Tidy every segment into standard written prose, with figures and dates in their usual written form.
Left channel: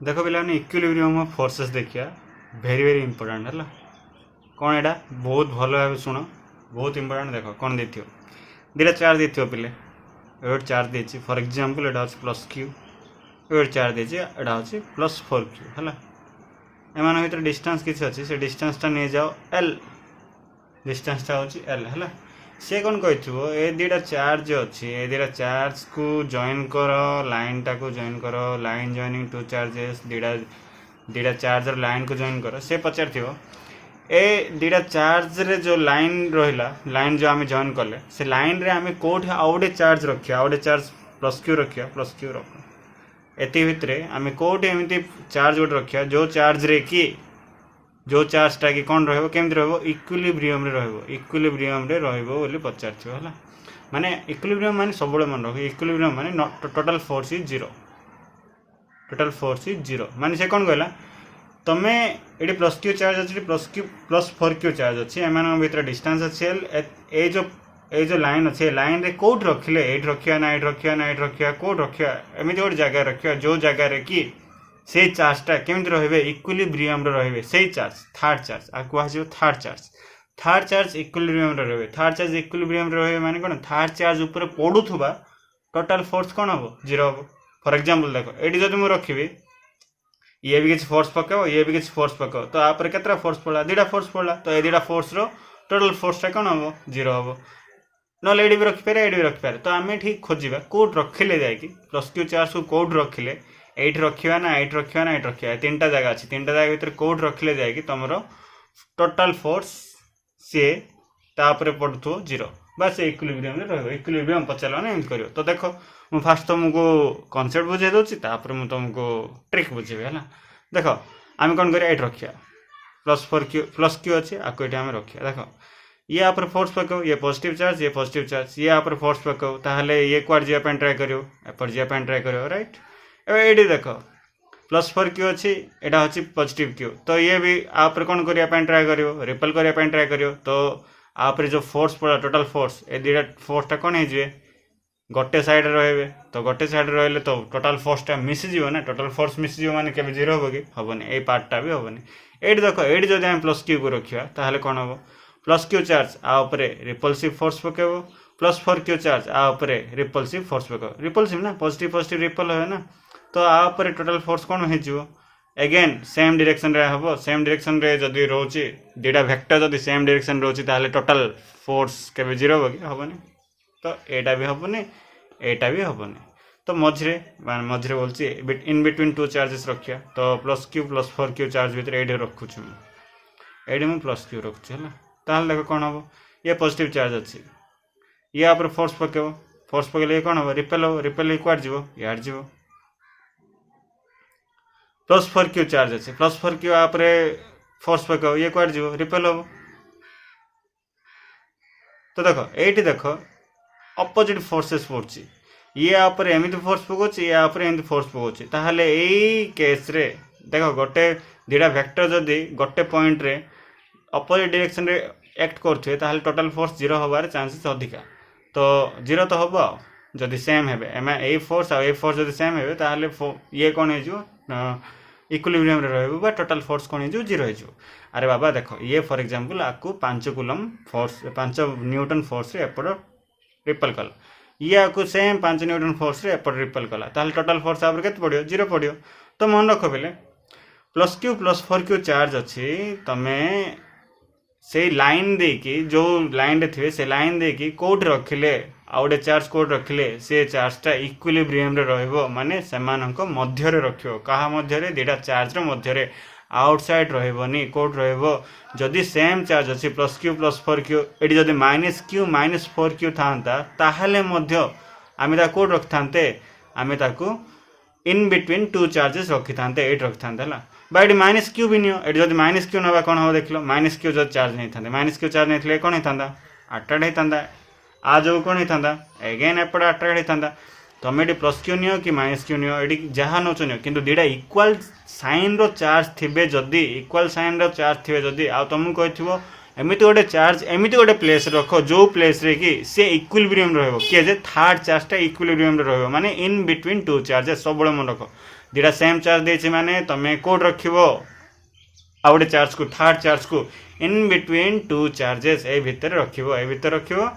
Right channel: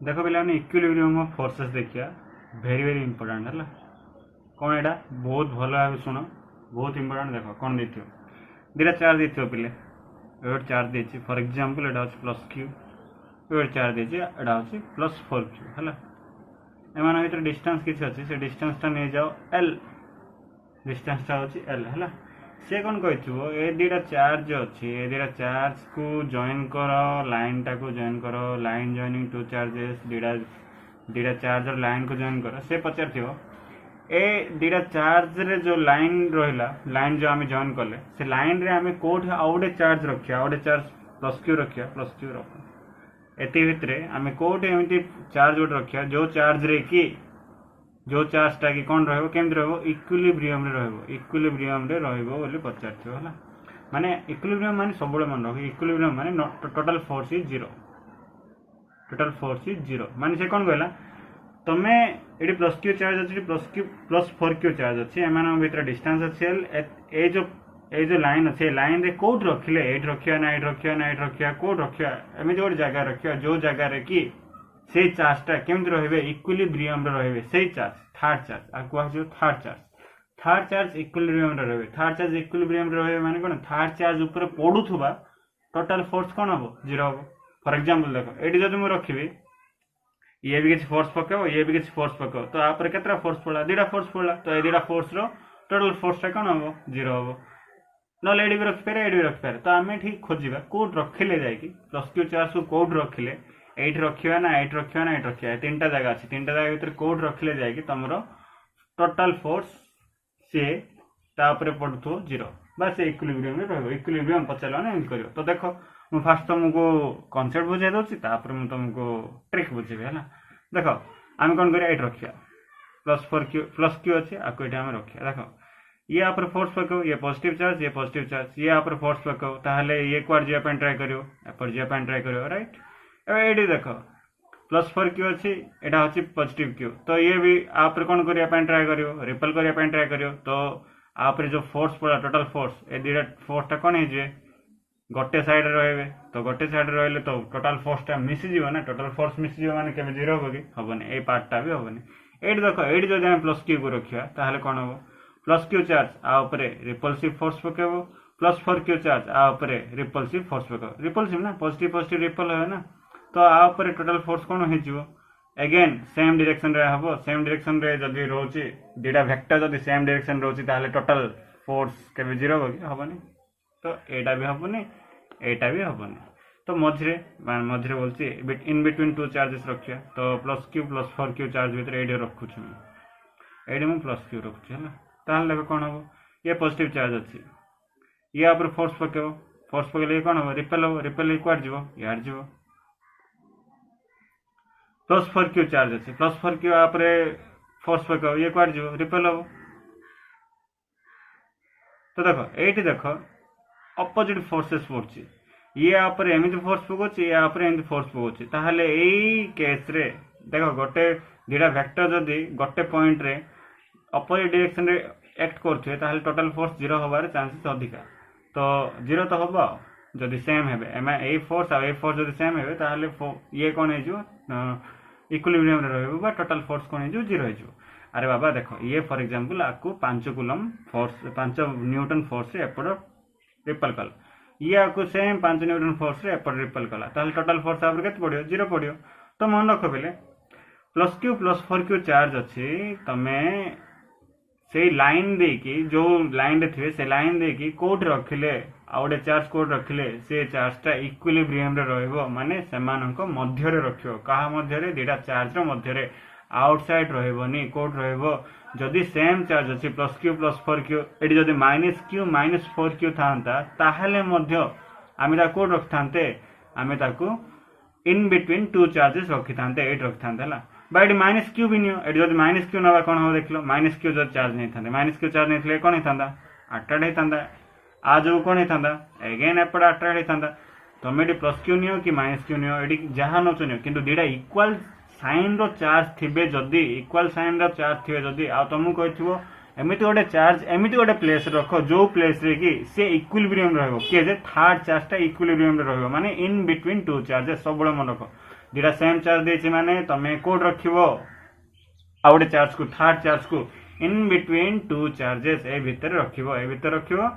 देख पे equilibrium of forces देखिए वेरी वेरी इंपोर्टेंट है कौन यहाँ बहुत भल भाव शुण बहुत इंपोर्टेंट देख कौन दे दुटा चार्ज दे पे ये चार्ज देती फॉर एग्जांपल यहाँ हूँ प्लस क्यू ये चार्ज देती यहाँ हूँ प्लस 4q है एम भर डिस्टेंस किसी अच्छे से डिस्टेंसटा नहीं जाओ एल डिस्टेंसटा हूँ एल है सी कौन कही ए दुटा चार्ज अच्छी ए दुटा चार्ज को जॉइन कर लाइन टा को जॉइन कर लाइन जॉइनिंग टू चार्जेस दुटा चार्ज लाइन को जॉइन कर से पचार ए दुटा चार्ज रे जो लाइन रहा लाइन जो आम जॉइन कले से लाइन रे आम कौट आउ गोटे चार्ज रखा आउ गोटे चार्ज प्लस क्यू रखा प्लस क्यू रख एति भितर आम कौट एमती चार्ज गोटे रखा जो चार्ज रे कि जो चार्जटा कि कौन रमी इक्विलिब्रियम इक्विलिब्रियम रही पचार है माने इक्विलिब्रियम माने सब मन रख इक्विलिब्रियम माने total force is zero total force is zero माने से कौन कहला तमें ये प्लस क्यू चार्ज अच्छी प्लस 4q चार्ज अच्छी एम भर डिस्टेंस अच्छे जो लाइन अच्छे लाइन रे कौट रखिले ये रखा ना ये रखा ना ये रखा कौट रखा एमती गोटे जगह रखा जो जगार कि से चार्जटा केमती रे इक्विलिब्रियम रे से चार्ज थर्ड चार्ज आ कह थर्ड चार्ज इक्विलिब्रियम रे थर्ड चार्ज इक्विलिब्रियम रे माने कौन थर्ड चार्ज ऊपर पड़ुवा टोटल फोर्स कौन हम जीरो हम फॉर एग्जांपल देख ये जब मुझे रखी ये भी किसी फोर्स पकाओ ये भी किसी फोर्स पकाओ तो आप केतरा फोर्स पड़ा दुटा फोर्स पड़ा तो ये दुटा फोर्स रो टोटल फोर्सटा कौन हम जीरो हम ना ये भी रखिपारे ये भी रखिपारे तो आम ठीक खोजा कौट रखिले जाकि प्लस क्यू चार्ज को कौट रखिले ये रखा ना ये रखा ना ये रखा तीन टा जगह अच्छी तीन टा जगह भर कौट रखिले जाकि तुम टोटल फोर्स सी तापर पड़ुव जीरो बस इक्विलिब्रियम रही इक्विलिब्रियम पचार ना एमती कर तो देख मुझे फास्ट तुमको कनसेप्ट बुझे दूसरी तापर मुझे तुमको ट्रिक बुझेबी है देख आम कौन कर रखा प्लस क्यू अच्छे आपको ये आम रखा देख ये आप फोर्स पकाओ ये पॉजिटिव चार्ज ये आप फोर्स पकाओ ताहले ये कुआर जावाई ट्राए कर एपट जावाई ट्राए कर राइट ये देख प्लस 4q अच्छी यहाँ हूँ पॉजिटिव क्यू तो ये भी आप कौन करने ट्राए कर रिपेल करने ट्राए कर तो आप जो फोर्स पड़ा टोटल फोर्स ए दुटा फोर्सटा कौन हो गोटे साइड रे तो गोटे साइड रही तो टोटल फोर्सटा मिसीज ना टोटल फोर्स मिसीज माने केबे जीरो हम कि हेनी ये पार्टा भी हेनी ये देख ये जब आम प्लस क्यू को रखा ताहले कौन हम प्लस क्यू चार्ज आउे रिपल्सिव फोर्स पकेब प्लस 4q चार्ज आउे रिपल्सिव फोर्स पकेब रिपल्सिव ना पॉजिटिव पॉजिटिव रिपल है ना तो आउे टोटल फोर्स कौन हो एगेन सेम डायरेक्शन रे हम सेम डायरेक्शन रे जदि रोचे दुटा वेक्टर जदि सेम डायरेक्शन रोचे ताहले टोटल फोर्स केबे जीरो हम कि हेनी तो यहाँ भी हेनी यहाँ भी हेनी तो मझे बोलছি इन बिटवीन टू चार्जेस रखा तो plus Q plus 4q charge भर ये रखुच्छी ये मुझे प्लस क्यू रखुच्छी है ताहले देख कौन हम ये पॉजिटिव चार्ज अच्छी ये आप फोर्स पकेब ये कौन हम रिपेल कुआड जीव यार जीव प्लस 4q चार्ज अच्छे प्लस 4q आप फोर्स पकाओ ये कुआड जीव रिपेल हम तो देख ये देख अपोजिट फोर्सेस पड़ी ये आप एमती फोर्स पकाउछ ये आप एमती फोर्स पकाउछ ताहले एई केस रे देख गोटे दुटा वेक्टर जदि गोटे पॉइंट रे अपोजिट डायरेक्शन रे एक्ट करथुए ताहले टोटल फोर्स जीरो होबार चांसेस अधिका तो जीरो तो हम जदि सेम हेबे ए फोर्स आ फोर्स जदि सेम हेबे ताहले ये कौन हो इक्विलिब्रियम रे रहबो बा टोटल फोर्स कौन हो जीरो हो अरे बाबा देख ये फॉर एग्जांपल आपको 5 कूलम फोर्स 5 न्यूटन फोर्स रे एपड़ रिपेल कला ये आपको सेम 5 न्यूटन फोर्स रे एपड़ रिपेल कला ताहले टोटल फोर्स आप केते पड़ियो जीरो पड़ियो तो मन रख बेले plus Q plus 4q charge अच्छी तमे से लाइन देकी जो लाइन रे थे से लाइन देकी कोड रखिले आउटे चार्ज कोड रखिले से चार्जटा इक्विलिब्रियम रे रहइबो माने सेमानक मध्य रे रखियो कहा मध्य रे दुटा चार्ज रो मध्य रे आउटसाइड रहइबोनी कोड रहइबो जदि सेम चार्ज अच्छी plus Q plus 4q eighty जदि माइनस क्यू माइनस 4q थांता ताहले मध्य आमे ता कोड रखथांते आमे ताकू इन बिटवीन टू चार्जेस रखी थांते एट रखथांते हला बाइट माइनस क्यू भी नियो एटी जदि माइनस क्यू नवा कौन हम देख लो माइनस क्यू जब चार्ज नहीं था माइनस क्यू चार्ज नहीं थे कौन होता अट्राक्ट होता आ जो कौन होता एगेन एपटे अट्राक्ट होता तुम ये प्लस क्यू नियो कि माइनस क्यू नियो ये जहाँ नौच नियो किंतु दुटा इक्वाल साइन रो चार्ज थे जदि इक्वाल साइन रो चार्ज थे जदि आ तुमको कही एमती गोटे चार्ज एमती गोटे प्लेस रख जो प्लेस रे कि सी इक्विलिब्रियम रहिबो किए जे थर्ड चार्जटा इक्विलिब्रियम रहिबो माने इन बिटवीन टू चार्जेस सब मन रख दुटा सेम चार्ज देछि माने तमे कोड रखिबो आ गोटे चार्ज को थर्ड चार्ज को इन बिटवीन टू चार्जेस ए भितर रखिबो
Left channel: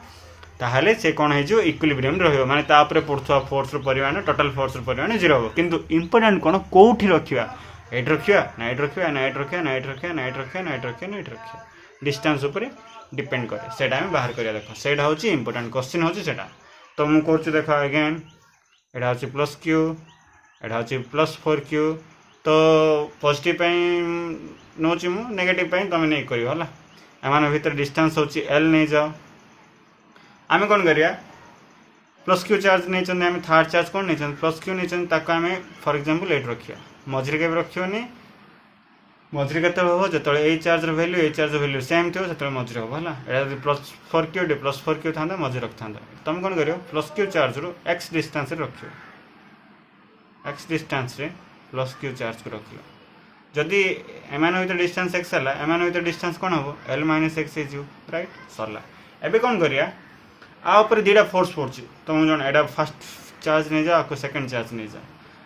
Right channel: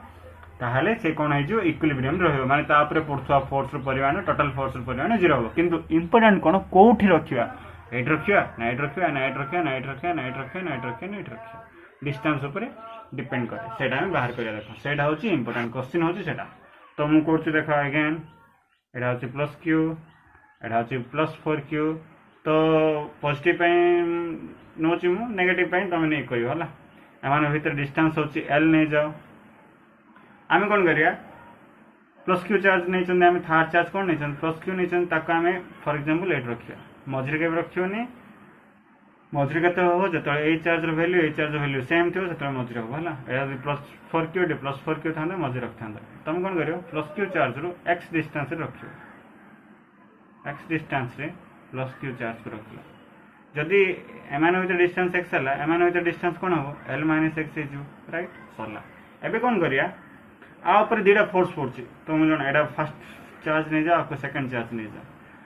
ताहले से कौन हो इक्विलिब्रियम रहिबो माने तापरे पड़ुवा फोर्स परिमाण टोटल फोर्स परिमाण 0 हो किंतु इंपोर्टेंट कौन कोठी रखिबा एट रखिबा नाइट रखिबा नाइट रखिबा नाइट रखिबा नाइट रखिबा नाइट रखिबा नाइट रखिबा डिस्टेंस ऊपर डिपेंड करे सेटा हम बाहर करिया देखो सेटा होची इंपोर्टेंट क्वेश्चन होची सेटा तो मु कहूची देखो अगेन एटा होची प्लस क्यू एटा होची प्लस 4q तो पॉजिटिव पई नोची मु नेगेटिव पई तमे नै करियो हला एमान भीतर डिस्टेंस होची l नै जाओ आम कौन करिया प्लस क्यू चार्ज नहीं चंदे आम थर्ड चार्ज कौन नहीं चंदे प्लस क्यू नहीं चंदे ताको आम फॉर एग्जांपल एट रखिया मझरे के रखियोनी मझरे केते हो जतले ए चार्ज रो वैल्यू सेम थियो जतले मझरे हो हला एटा प्लस 4q थांदा मझरे रखथांदा तुम कौन करियो प्लस क्यू चार्ज रो x डिस्टेंस रे रखियो x डिस्टेंस रे प्लस क्यू चार्ज को रखियो जदि एमान होइते डिस्टेंस x हला एमान होइते डिस्टेंस कोन हो l - x जो राइट सरला एबे कौन करिया आ ऊपर दीटा फोर्स पड़छ तुम जन एडा फर्स्ट चार्ज नहीं जा को सेकंड चार्ज नहीं जा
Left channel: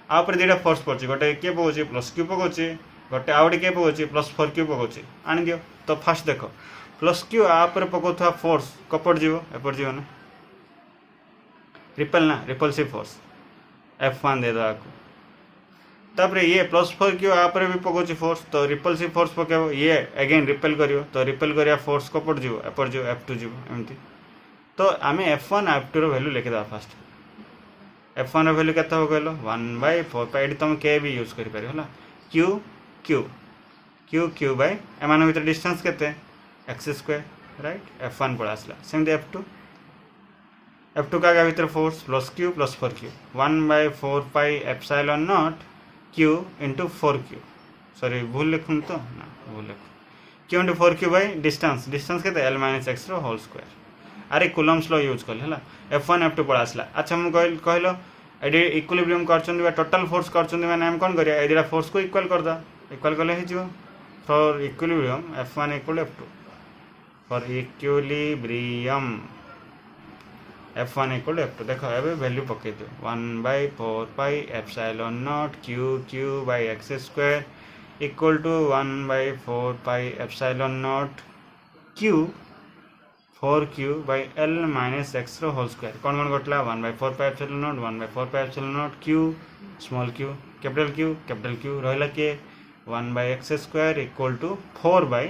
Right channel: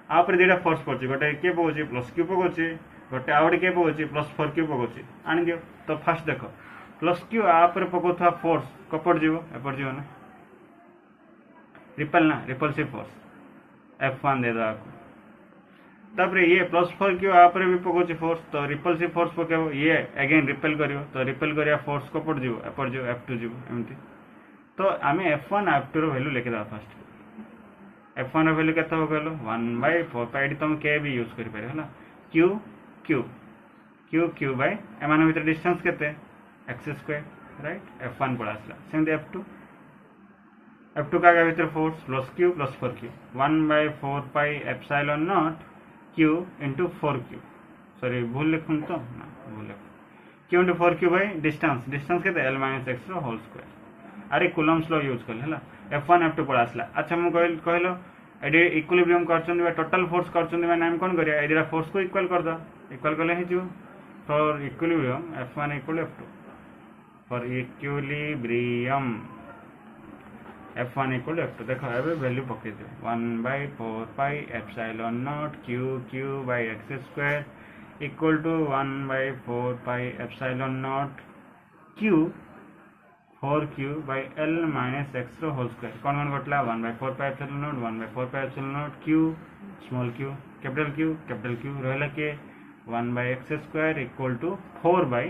आ ऊपर दीटा फोर्स पड़छ गोटे के पकोछि प्लस क्यू पकोछि गोटे आउट के पकोछि प्लस 4q पकोछि आनि दियो तो फर्स्ट देखो प्लस क्यू आ ऊपर पकोथवा फोर्स कपड़ जीवो एपर जीवो ना रिपल्सिव फोर्स F1 दे दा को तापर ये प्लस 4q आ ऊपर भी पकोछि फोर्स तो रिपल्सिव फोर्स पकेबो ये अगेन रिपेल करियो तो रिपेल करिया फोर्स कपड़ जीवो एपर जीवो F2 जीवो एमती तो आम F1 F2 रो वैल्यू लिखिदा फर्स्ट F1 रो वैल्यू केते हो कहलो 1/4 एडी तुम के भी यूज करि पारि हला q q q q by एमान भीतर डिस्टेंस केते x² राइट F1 पड़ा आसला सेम F2 का भीतर force plus q plus 4q 1/4 pi epsilon naught q into 4q sorry भूल लिखुन तो ना भूल लिख q into 4q bye distance केते l - x रो होल स्क्वायर अरे कूलम्स लॉ यूज कर हला F1 F2 पड़ा आसला अच्छा मु कहलो एडी इक्विलिब्रियम करचंदी बा टोटल फोर्स करचंदी माने हम कोन करिया एडीरा फोर्स को इक्वल कर दा इक्वल करले हे जिवो for equilibrium F1 = F2 for equilibrium F1 = F2 देखो एबे वैल्यू पके दियो 1/4 pi epsilon naught q by x² equal to 1/4 pi epsilon naught q 4q by l - x रो होल स्क्वायर कौन घटला 1/4 pi epsilon naught 1/4 pi epsilon naught q small q capital Q रहला के 1/x² equal to 4 by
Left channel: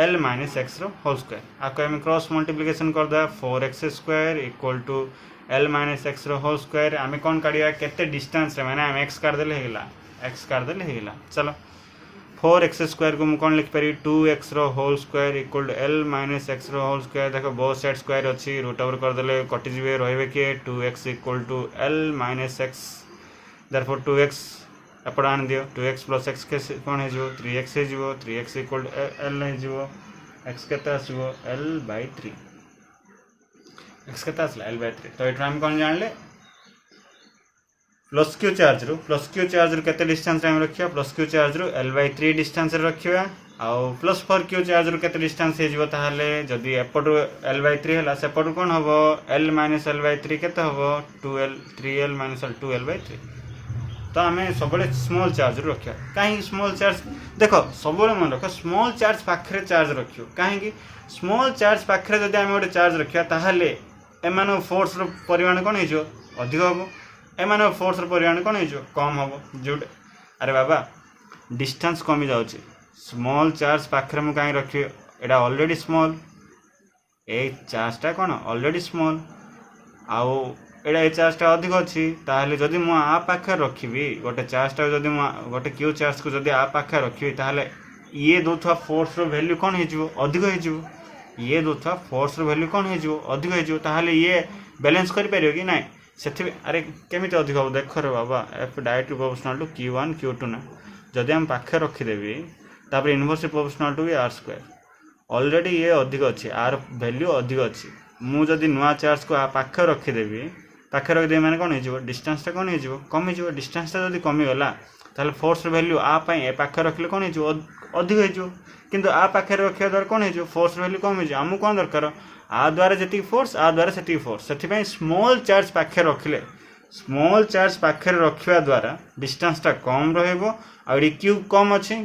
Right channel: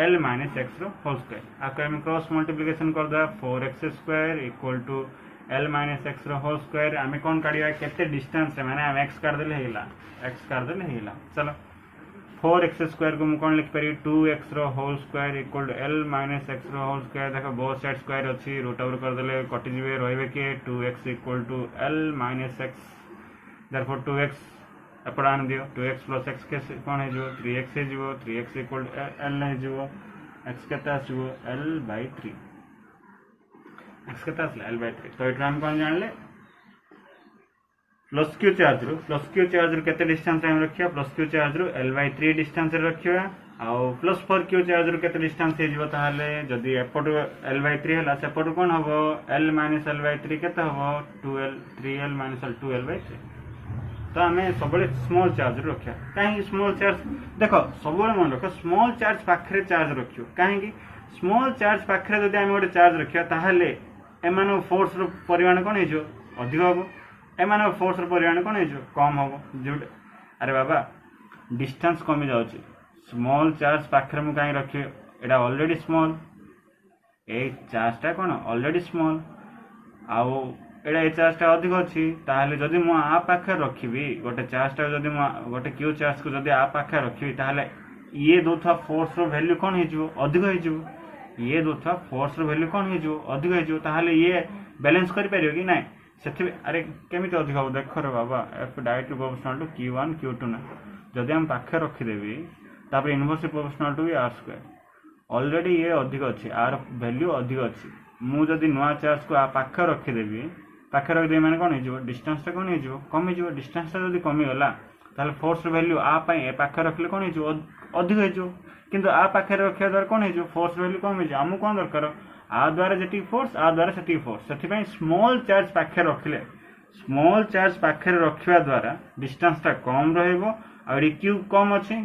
l - x रो whole square आको हम cross multiplication कर दा 4x² equal to l - x रो होल स्क्वायर आमे कोन काढिया केते डिस्टेंस रे माने हम x काढ देले हेगला चलो 4x² को कौन लिख पारि 2x रो whole square equal to l - x रो होल स्क्वायर देखो बोथ साइड स्क्वायर अच्छी रूट ओवर कर देले कटि जिवे रहबे के 2x equal to l - x therefore 2x एपड़ आन दियो 2x + x के कोन हे जो 3x हे जो 3x इक्वल टू l हे जो x केता आसीबो l/3 x केता आसला l/3 तो एटा हम कोन जानले प्लस क्यू चार्ज रू केते डिस्टेंस रे हम रखिया प्लस क्यू चार्ज रू l/3 डिस्टेंस रे रखिया आउ प्लस 4q चार्ज रू केते डिस्टेंस हे जिवो ताहाले जदी एपटू l/3 हला सेपटू कोन हबो l - l/3 केते हबो 2l 3l - l 2l/3 तो आमे सबले स्मॉल चार्ज रू रखिया काहे स्मॉल चार्ज देखो सबले मन रखो स्मॉल चार्ज पाखरे चार्ज रखियो काहे कि स्मॉल चार्ज पाखरे जदी आमे ओटे चार्ज रखिया ताहाले एमानो फोर्स रो परिमाण कोन हे जो अधिक हबो एमान फोर्स परिमाण कौन हो कम हम जो अरे बाबा डिस्टेंस कमी जाऊँगी स्मॉल चार्ज पाखे मुझे कहीं रखी एटा ऑलरेडी स्मॉल ए चार्जटा कौन ऑलरेडी स्मॉल आउ एटा ए चार्जटा अधिक अच्छी ताहले जदि मु आ पाखे रखी गोटे चार्जटा जदि गोटे क्यू चार्ज को जदि आ पाखे रखी ताहले ये दोथा फोर्स रो वैल्यू कौन हो अधिक हो ये दोथा फोर्स रो वैल्यू कौन हो अधिक हो ताहले ये बैलेंस कर पारियो कि नहीं से अरे केमी अधिक हम देख रे बाबा F directly proportional to Q1 Q2 ना जदि हम पाखे रखीदेवी तापर inversely proportional to r² already ये अधिक अच्छी आर वैल्यू अधिक अच्छी मु जदि नुआ चार्ज को पाखे रखीदेवी पाखे रखिदेवी माने कौन हो डिस्टेंसटा कौन हो कमी डिस्टेंसटा जदि कमीगला ताहले फोर्स वैल्यू आ पाखे रखिले कौन हो अधिक हो किंतु आ पाखे रखा द्वारा कौन हो फोर्स वैल्यू कम हो आमको कौन दरकार आ द्वारा जी फोर्स आ द्वारा से फोर्स से स्मॉल चार्ज पाखे रखिले स्मॉल चार्ज पाखे रखा द्वारा डिस्टेंसटा कम रहिबो आ क्यू कम अच्छी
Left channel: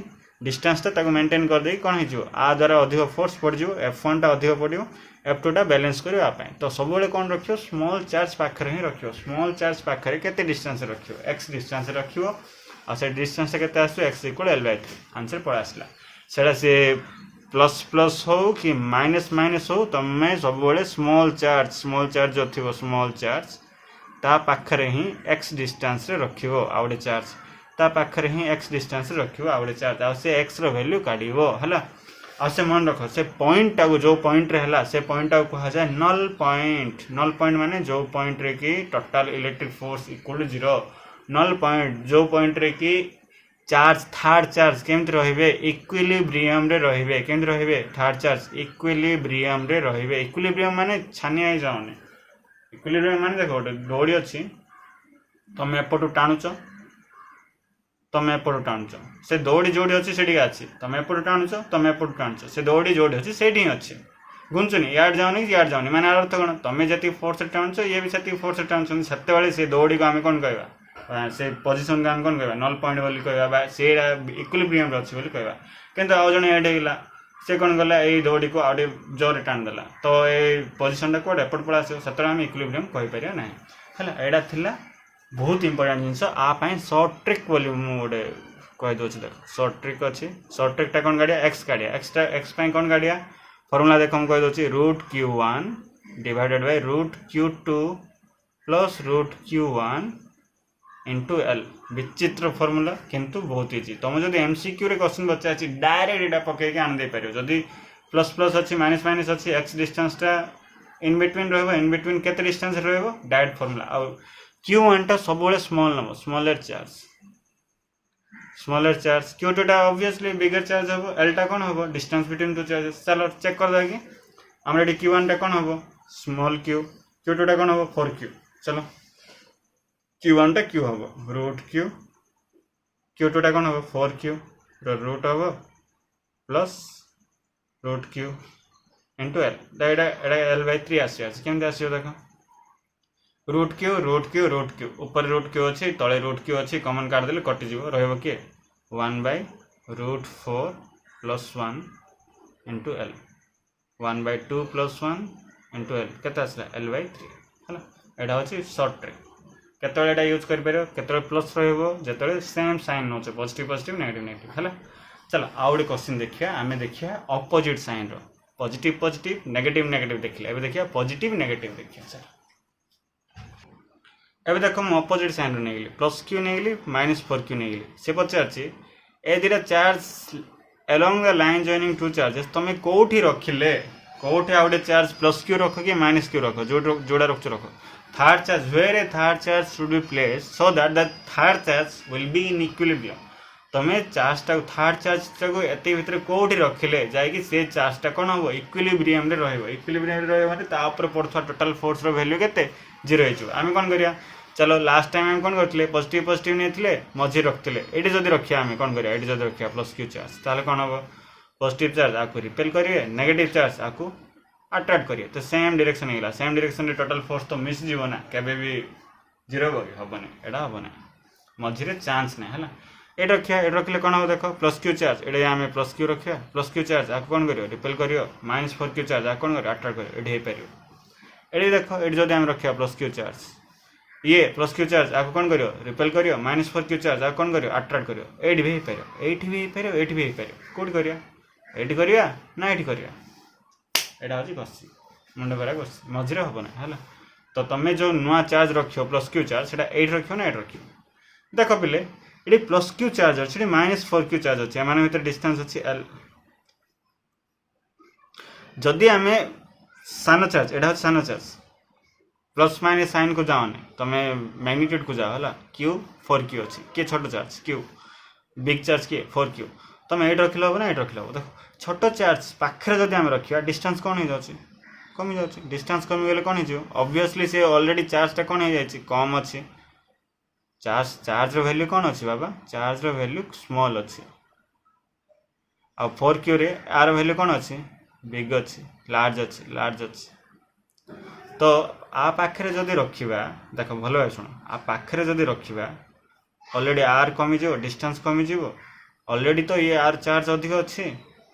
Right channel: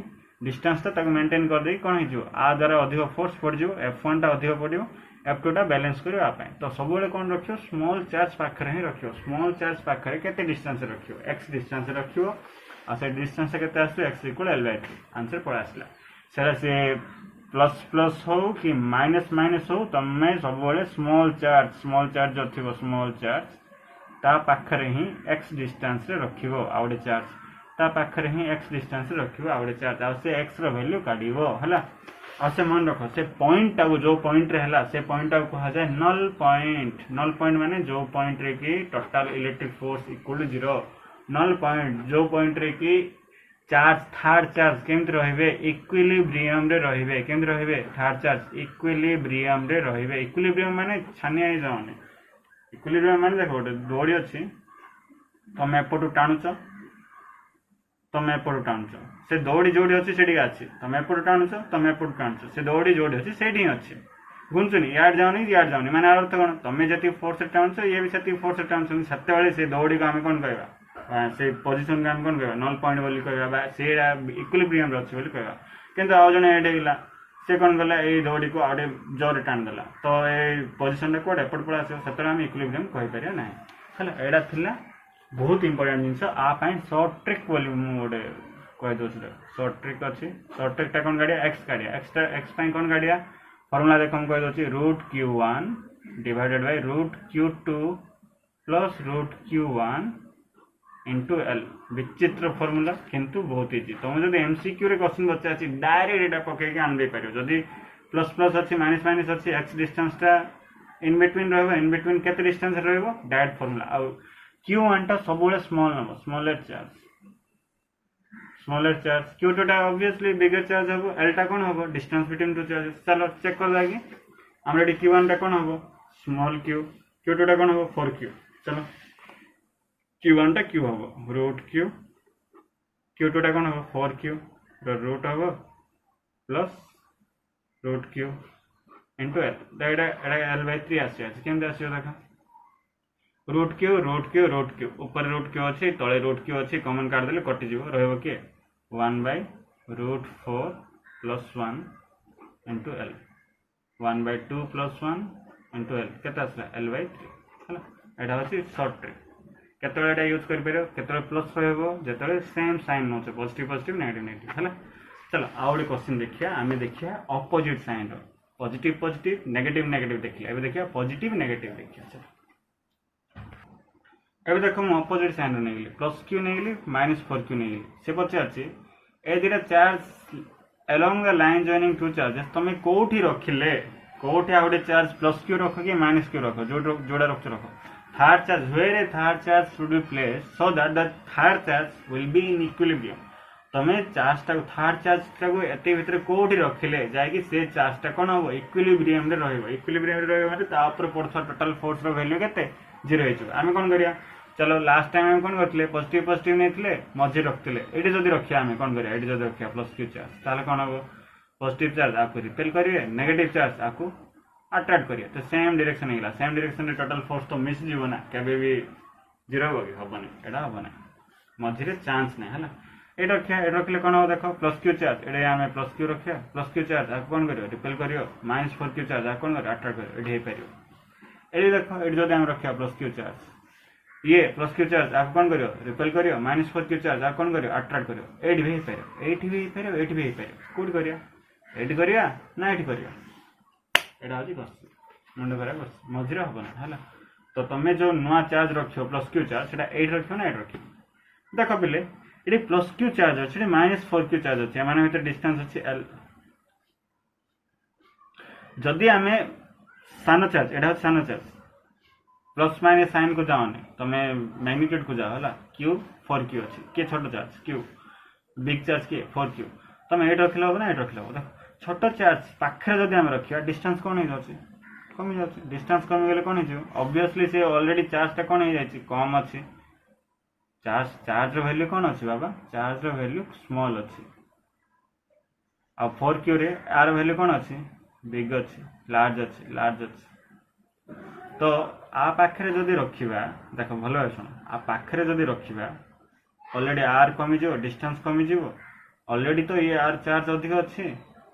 डिस्टेंसटा मेंटेन कर दे कौन हो आ द्वारा अधिक फोर्स पड़ F1 टा अधिक पड़ो F2 टा बैलेंस करने तो सब कौन रखियो स्मॉल चार्ज पाखे ही रखियो स्मॉल चार्ज पाखे केते डिस्टेंस रखियो x डिस्टेंस रखियो आ से डिस्टेंस केते आसो x = L/3 आंसर पड़ा आसला सेटा से प्लस प्लस हो कि माइनस माइनस हो तमें सब स्मॉल चार्ज जो थी स्मॉल चार्ज ता पाखरे ही x डिस्टेंस रे रखियो आ गोटे चार्ज ता पाखरे ही x डिस्टेंस रे रखियो आ गोटे चार्ज आ से x रो वैल्यू काढिबो हला आ से मन रख से पॉइंट टा जो पॉइंट रे हला से पॉइंट टा कहा जाए नल पॉइंट माने जो पॉइंट रे की total electric force equal 0 null point जो पॉइंट रे की चार्ज थर्ड चार्ज केमति रहिबे इक्विलिब्रियम रे रहिबे केमति रहिबे थर्ड चार्ज इक्विलिब्रियम रे रहिबे इक्विलिब्रियम माने छानिया ही जाउने इक्विलिब्रियम माने देखो गोटे दौड़ी अच्छी तुम एपटू टाणुच तुम एपटू टाणुच से दौड़ी जोड़ी अच्छी से अच्छी तुम एपटू टाणुच तुम एपटू टाणुच से दौड़ी जोड़ी अच्छी से अच्छी घुंचुनी यार जाऊनी यार जाऊनी माने अर्थ कौन तुम जी फोर्स टाणुच ये भी से फोर्स टाणुच से दौड़ी को आम कौन कहवा से पोजिशन को आम कौन कहवा नल पॉइंट बोली कहवा से इक्विलिब्रियम अच्छी बोली कहवा किंतु आउ जने एड होगा से कौन कला ये दौड़ी को आउटे जोर टाणीदेला तो ये पोजिशन टा कौटे एपट पड़ा आस से आम इक्विलिब्रियम कहीपर ना है यहाँ थिला बहुत इंपोर्टेंट जिनस आपाई सर्ट ट्रिक बोली मुझे कहीदे देख सर्ट ट्रिक अच्छी सर्ट ट्रिकटा कौन काढ़िया एक्स काढ़िया एक्स कौन काढ़िया फर्मुला देख मुझे कहीदे √Q1 divided by √Q2 plus √Q1 into L विचित्र फर्मुला किंतु बहुत इजी तुम जो MCQ रे क्वेश्चन पचार डायरेक्ट एटा पकईक आन दे पार जदि प्लस प्लस अच्छी माइनस माइनस अच्छी एक्स डिस्टेंसटा इन बिटवीन इन बिटवीन केते डिस्टेंस डायरेक्ट फर्मुला आ Q1 टा सब small number smaller charge Q2 टा ऑब्वियसली बिगर चार्ज हम L टा कौन हम डिस्टेंस बिटवीन टू चार्जेस चलो चेक कर देगी आम ये Q1 टा कौन हम स्मॉल q Q2 टा कौन हम 4q चलो Q1 टा Q हम √Q Q2 टा कौन हम 4q रूट हम प्लस √Q इंटू L तो ये L/3 आसमी आस देख √Q ऊपर √Q अच्छी तले √Q अच्छी कमन काटदेले कटिज रही किए 1/√4 + 1 इंटू L 1/2 + 1 इंटू L के L/3 है यहाँ हूँ सर्ट ट्रिक केतला यूज कर प्लस रही सेम साइन नौ पॉजिटिव पॉजिटिव नेगेटिव नेगेटिव है चलो आउ गए क्वेश्चन देखिए आम देखिए opposite sign positive positive negative negative देखिए एवं देखिए पॉजिटिव नेगेटिव देखिए चलो एवं देख मुझे अपोजिट साइन नहीं +Q नहीं -4Q नहीं से पचार ए दुटा charge along the line joining two charges तुम कौटी रखिले कौटे आ गए चार्ज +Q रख कि -Q रख जोड़ा रख रख third charge where a third charge should be place so that the third charge will be in equilibrium तुम चार्ज टा थर्ड चार्ज टाक एत भितर कौटी रखिले जाकि से चार्ज टा कौन हम इक्विलिब्रियम रे रहिबो इक्विलिब्रियम रे रहिबो ता ऊपर पड़थवा टोटल फोर्स रो वैल्यू केते 0 हो आम कौन करिया चलो लास्ट टाइम आम कौन करते पॉजिटिव पॉजिटिव नहीं मझे रखते ये जब रखा आम कौन करिया ये जब रखा +Q चार्ज ताले कौन हम पॉजिटिव चार्ज आपको रिपेल करेंगे नेगेटिव चार्ज आपको अट्रैक्ट करिए तो सेम डायरेक्शन होगा सेम डायरेक्शन रे टोटल फोर्स तो मिस जीव ना केबे भी 0 हेनी एटा हम ना मझे चांस ना है ये रखा ये रखिले कौन हम देख +Q चार्ज ये आम +Q रखा +Q चार्ज आपको कौन कर रिपेल कर -4Q चार्ज आप कौन कर अट्रैक्ट कर ये पार ये देख ये जो आम रखा +Q चार्ज ये +Q चार्ज आपको कौन करियो रिपेल करियो -4Q चार्ज आप कौन करियो अट्रैक्ट करियो एठी भी पार एठी भी पार एठी भी पार कोड करिया एठी करिया ना एठी करिया एटा होची गसी मुंड करा गसी मझरे हबो ना हला तो तमे जो नुआ चार्ज रखियो +Q चार्ज सेटा एठी रखियो ना एठी रखियो देखो पिले एठी +Q चार्ज अछि एठी -4Q चार्ज अछि एमाने भीतर डिस्टेंस अछि L जदि आमे सानो चार्ज एटा सानो चार्ज प्लस माइनस साइन को जाओ तुम मैग्नीट्यूड को जाओ है Q 4Q अच्छी किए छोट चार्ज Q बिग चार्ज किए 4Q तुम ये रखिल हम ना ये रखिल देख छोट चार्ज पाखे जब आम रखा डिस्टेंस कौन हो जाए कमी जाए डिस्टेंस कमी गले कौन हो ऑब्वियसली से ऑलरेडी चार्जटा कौन हो जाए कम अच्छी चार्ज वैल्यू कौन अच्छी बाबा चार्ज वैल्यू स्मॉल अच्छी आ 4Q रे आर वैल्यू कौन अच्छी बिग अच्छी लार्ज अच्छी तो आ पाखे जदि रखा देख भल भाई शुण आ पाखे जदि रखा already are kameez distance kameez already तो ये आर चार्ज अधिक अच्छे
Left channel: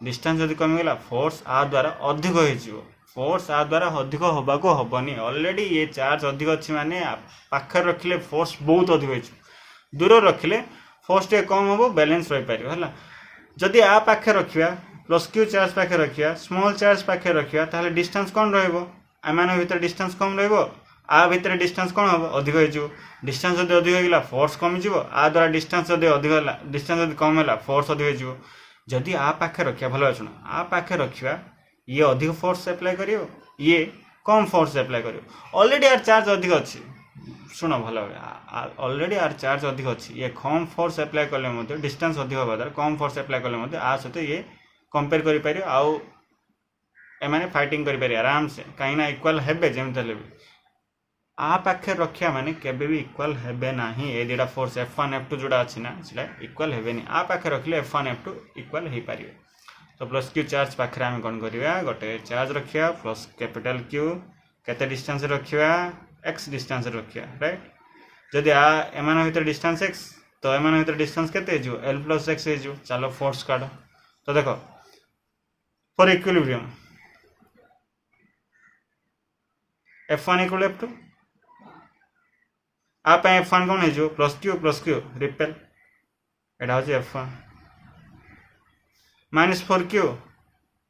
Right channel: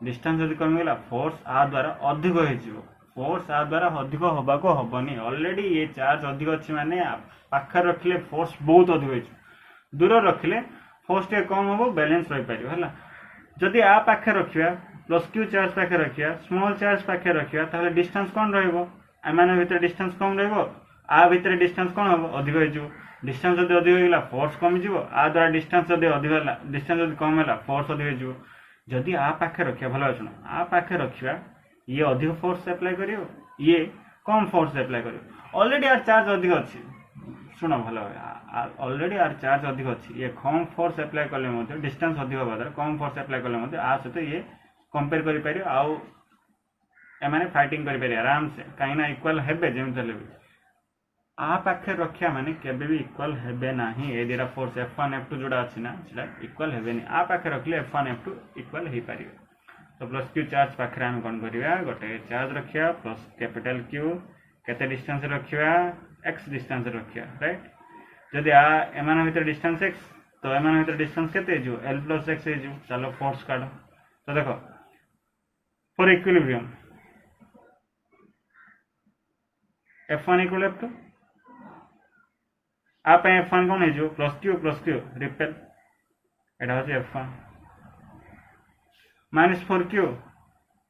डिस्टेंस जदि कमिगला फोर्स आ द्वारा अधिक हो फोर्स आ द्वारा अधिक होगा हेनी ऑलरेडी ये चार्ज अधिक अच्छी माने पाखे रखिले फोर्स बहुत अधिक हो दूर रखिले फोर्स टे कम हम बैलेंस रही पार है जदि आ पाखे रखा प्लस क्यू चार्ज पाखे रखा स्मॉल चार्ज पाखे रखा ताहले डिस्टेंस कौन रही भितर डिस्टेंस कम आ भितर डिस्टेंस कौन हम अधिक हो डिस्टेंस जब अधिक होगा फोर्स कमिज आ द्वारा डिस्टेंस जब अधिक है डिस्टेंस जब कम है फोर्स अधिक हो जदि आ पाखे रखा भल शुण आ पाखे रखा ये अधिक फोर्स एप्लाई कर ये कम फोर्स एप्लाई कर ऑलरेडी आर चार्ज अधिक अच्छी शुण भल ऑलरेडी आर चार्ज अधिक अच्छी ये कम फोर्स एप्लाई कले डिस्टेंस अधिक होगा द्वारा कम फोर्स एप्लाई कले आ सहित ये कंपेयर कर आउ एमाने फाइटिंग कर आराम से कहीं इक्वाल हेबे जमी भी आ पाखे रखा माने केबे भी इक्वाल हेबे नाही ए दुटा फोर्स F1 F2 जोड़ा अच्छी ना सेटा इक्वाल हेबेनी आ पाखे रखिले F1 F2 इक्वाल हो पारे तो प्लस क्यू चार्ज पाखे आम कौन करवा गोटे चार्ज रखा प्लस कैपिटल क्यू केते डिस्टेंस रखा x डिस्टेंस रखा राइट जदि आ एमान भीतर डिस्टेंस x तो एमान भीतर डिस्टेंस केते हो l प्लस x हो चलो फोर्स काढ तो देखो for equilibrium F1 equal F2 आप F1 कौन हो प्लस क्यू रिपेल एटा हूँ F1 minus 4Q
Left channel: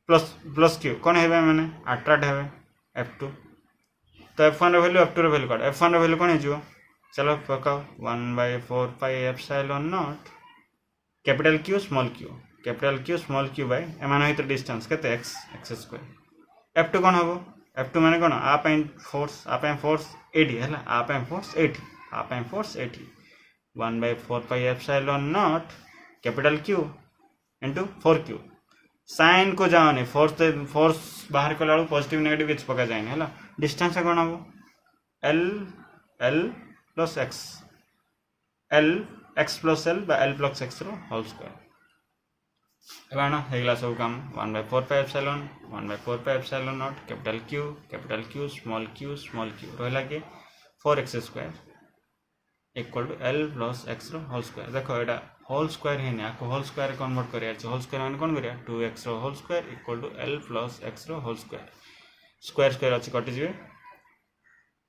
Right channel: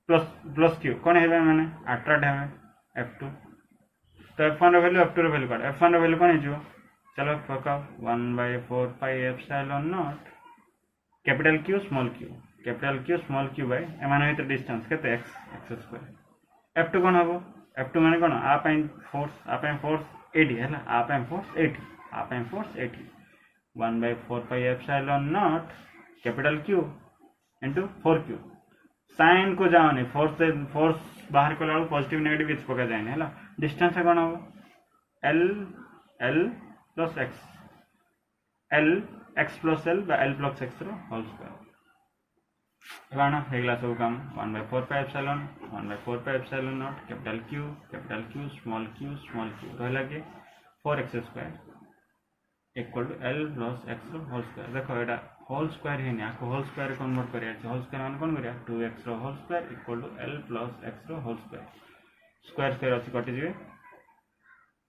plus Q कौन है मैंने अट्राक्ट है F2 तो F1 वैल्यू F2 वैल्यू काट F1 वैल्यू कौन हो चलो पकाओ 1/4 pi epsilon naught capital Q small Q by एमान भीतर डिस्टेंस केते x स्क्वायर F2 कौन हम F2 माने कौन आप फोर्स 80 है आप force 80 1/4 pi epsilon naught capital Q into 4Q sign को जाओनी फोर्स बाहर कला पॉजिटिव नेगेटिव किसी पका जाए है डिस्टेंस कौन हम L plus x plus L plus x whole square एबाना हेगला सब काम 1/4 pi epsilon naught capital Q small q रहला के 4x square equal to L plus x whole square देखो एटा होल स्क्वायर है ना होल स्क्वायर कन्वर्ट करिया होल स्क्वायर माने कोन करिया 2x whole square equal to L plus x whole square अच्छी कटि जिवे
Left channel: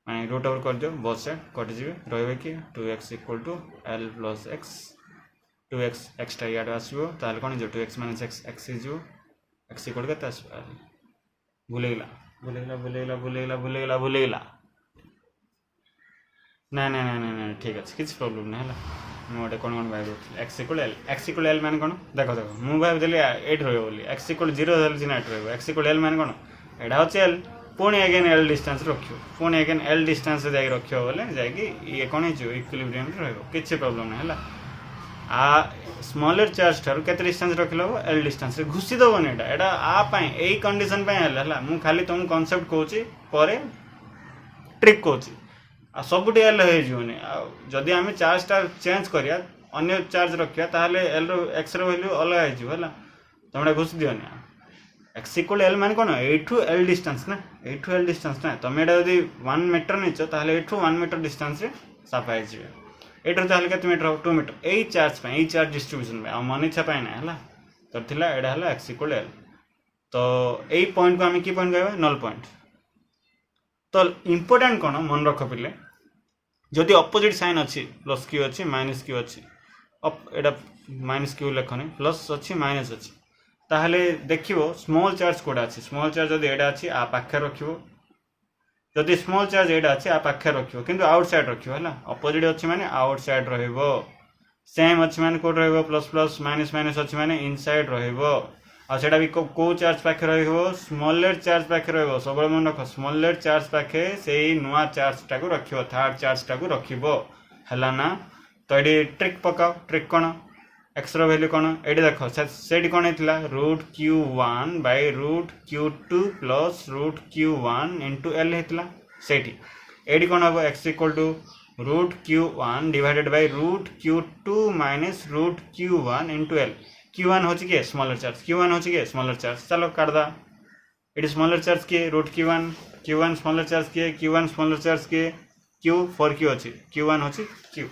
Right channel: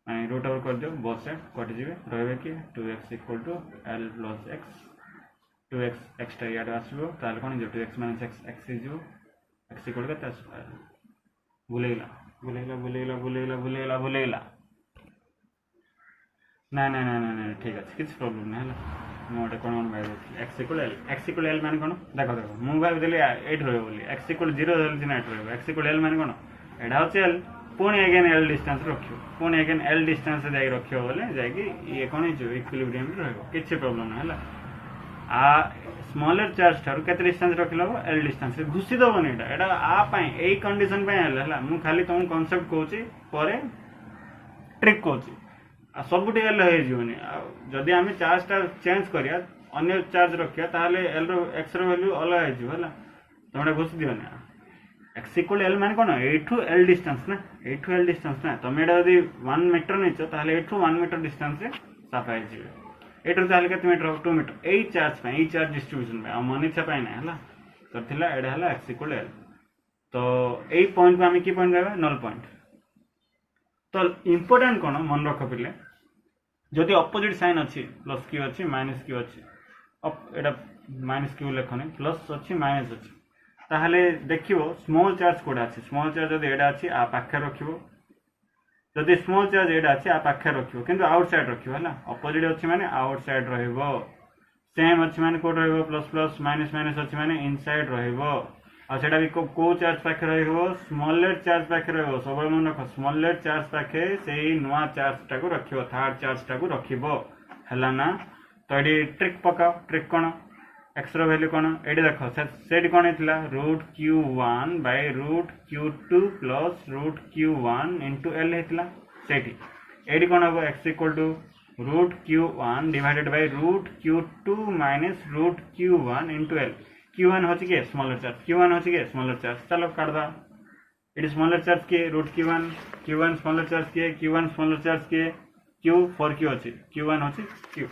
माने रूट ओवर कर दियो बोथ साइड कटि जिवे रहबे कि 2x equal to L plus x 2x extra याड आसीबो ताले कोन जे 2x - x is x equal केते आसीबो भूलेगला ना ठीक अच्छे किसी प्रोब्लेम ना मुझे कौन भाई एक्स इक्वल एल मान कौन देख मुझे भाई 8 रही x equal 0 8 x equal L मान कौन एटा हूँ एल पुणी अगेन एल डिस्टेंस रखियो पुणी अगेन एल डिस्टेंस जाए रखियो बोले जाकि ये कौन हो इक्विलिब्रियम किसी प्रोब्लेम ना आ स्मॉलर चार्ज ठार के डिस्टेंस रखिल एल डिस्टेंस घुसी दबन एटा आपाई यही कंडीशन है मुझे खाली तुम कनसेप्ट कहूँ ट्रिक कहूँ आ सब एल होनी जदि आम चार्जटा चेंज करिया अन्य चार्ज रखिया ताहले एल एक्स वैल्यू अलग है तुम घुष दियोनी एक्स इक्वल एल मान कौन एठू एल डिस्टेंस ना तुम यदि 1 मीटर नहीं ताहले एठू 1 मीटर डिस्टेंस साफा एठू ताहले केते मीटर 2 मीटर यही चार्ज डिस्ट्रीब्यूशन पे मन इच्छा ना है तो थिला एडा है एक्स इक्वल एल तो यही पॉइंट को आम कि पॉइंट कहवा नल पॉइंट तो इम्पोर्टेंट कौन मन रख पिले जदि अपोजिट साइन अच्छी प्लस क्यू अच्छी माइनस क्यू अच्छी एटा माइनस क्यू लेखनी प्लस अच्छी माइनस अच्छी ताहले देखियो स्मॉल चार्ज कोड़ा अच्छी स्मॉल चार्ज जदि एटा अच्छी आ पाखे रखियो जदि स्मॉल चार्ज एटा अच्छी आ पाखे रखियो किंतु आउटसाइड रखियो है अपोजिट अच्छी माने आउटसाइड रहिबो सेम अच्छी माने कोड रहिबो प्लस प्लस माइनस माइनस अच्छी माने इनसाइड रहिबो आ सेटा भी को चार्ज पाखे रहिबो स्मॉलर चार्ज पाखे रहिबो सब मन रख स्मॉलर चार्ज पाखे सेही नुआ चार्ज टाको रखिबो थर्ड चार्ज टाको रखिबो हला ना तो एडी ट्रिक पकाओ ट्रिक कोन एक्स रो वैल्यू कोन एडी देखो सेडी कोन हेतला √q1 by √q2 plus √q1 into l हेतला सेठी एडी कोन हबो x equal to √q1 divided by √q2 minus √q1 into l q1 होची के स्मॉलर चार्ज चलो काट दा एटी स्मॉलर चार्ज किए रूट Q1 स्मॉलर चार्ज किए Q1 स्मॉलर चार्ज किए Q फॉर Q अच्छी Q1 अच्छी Q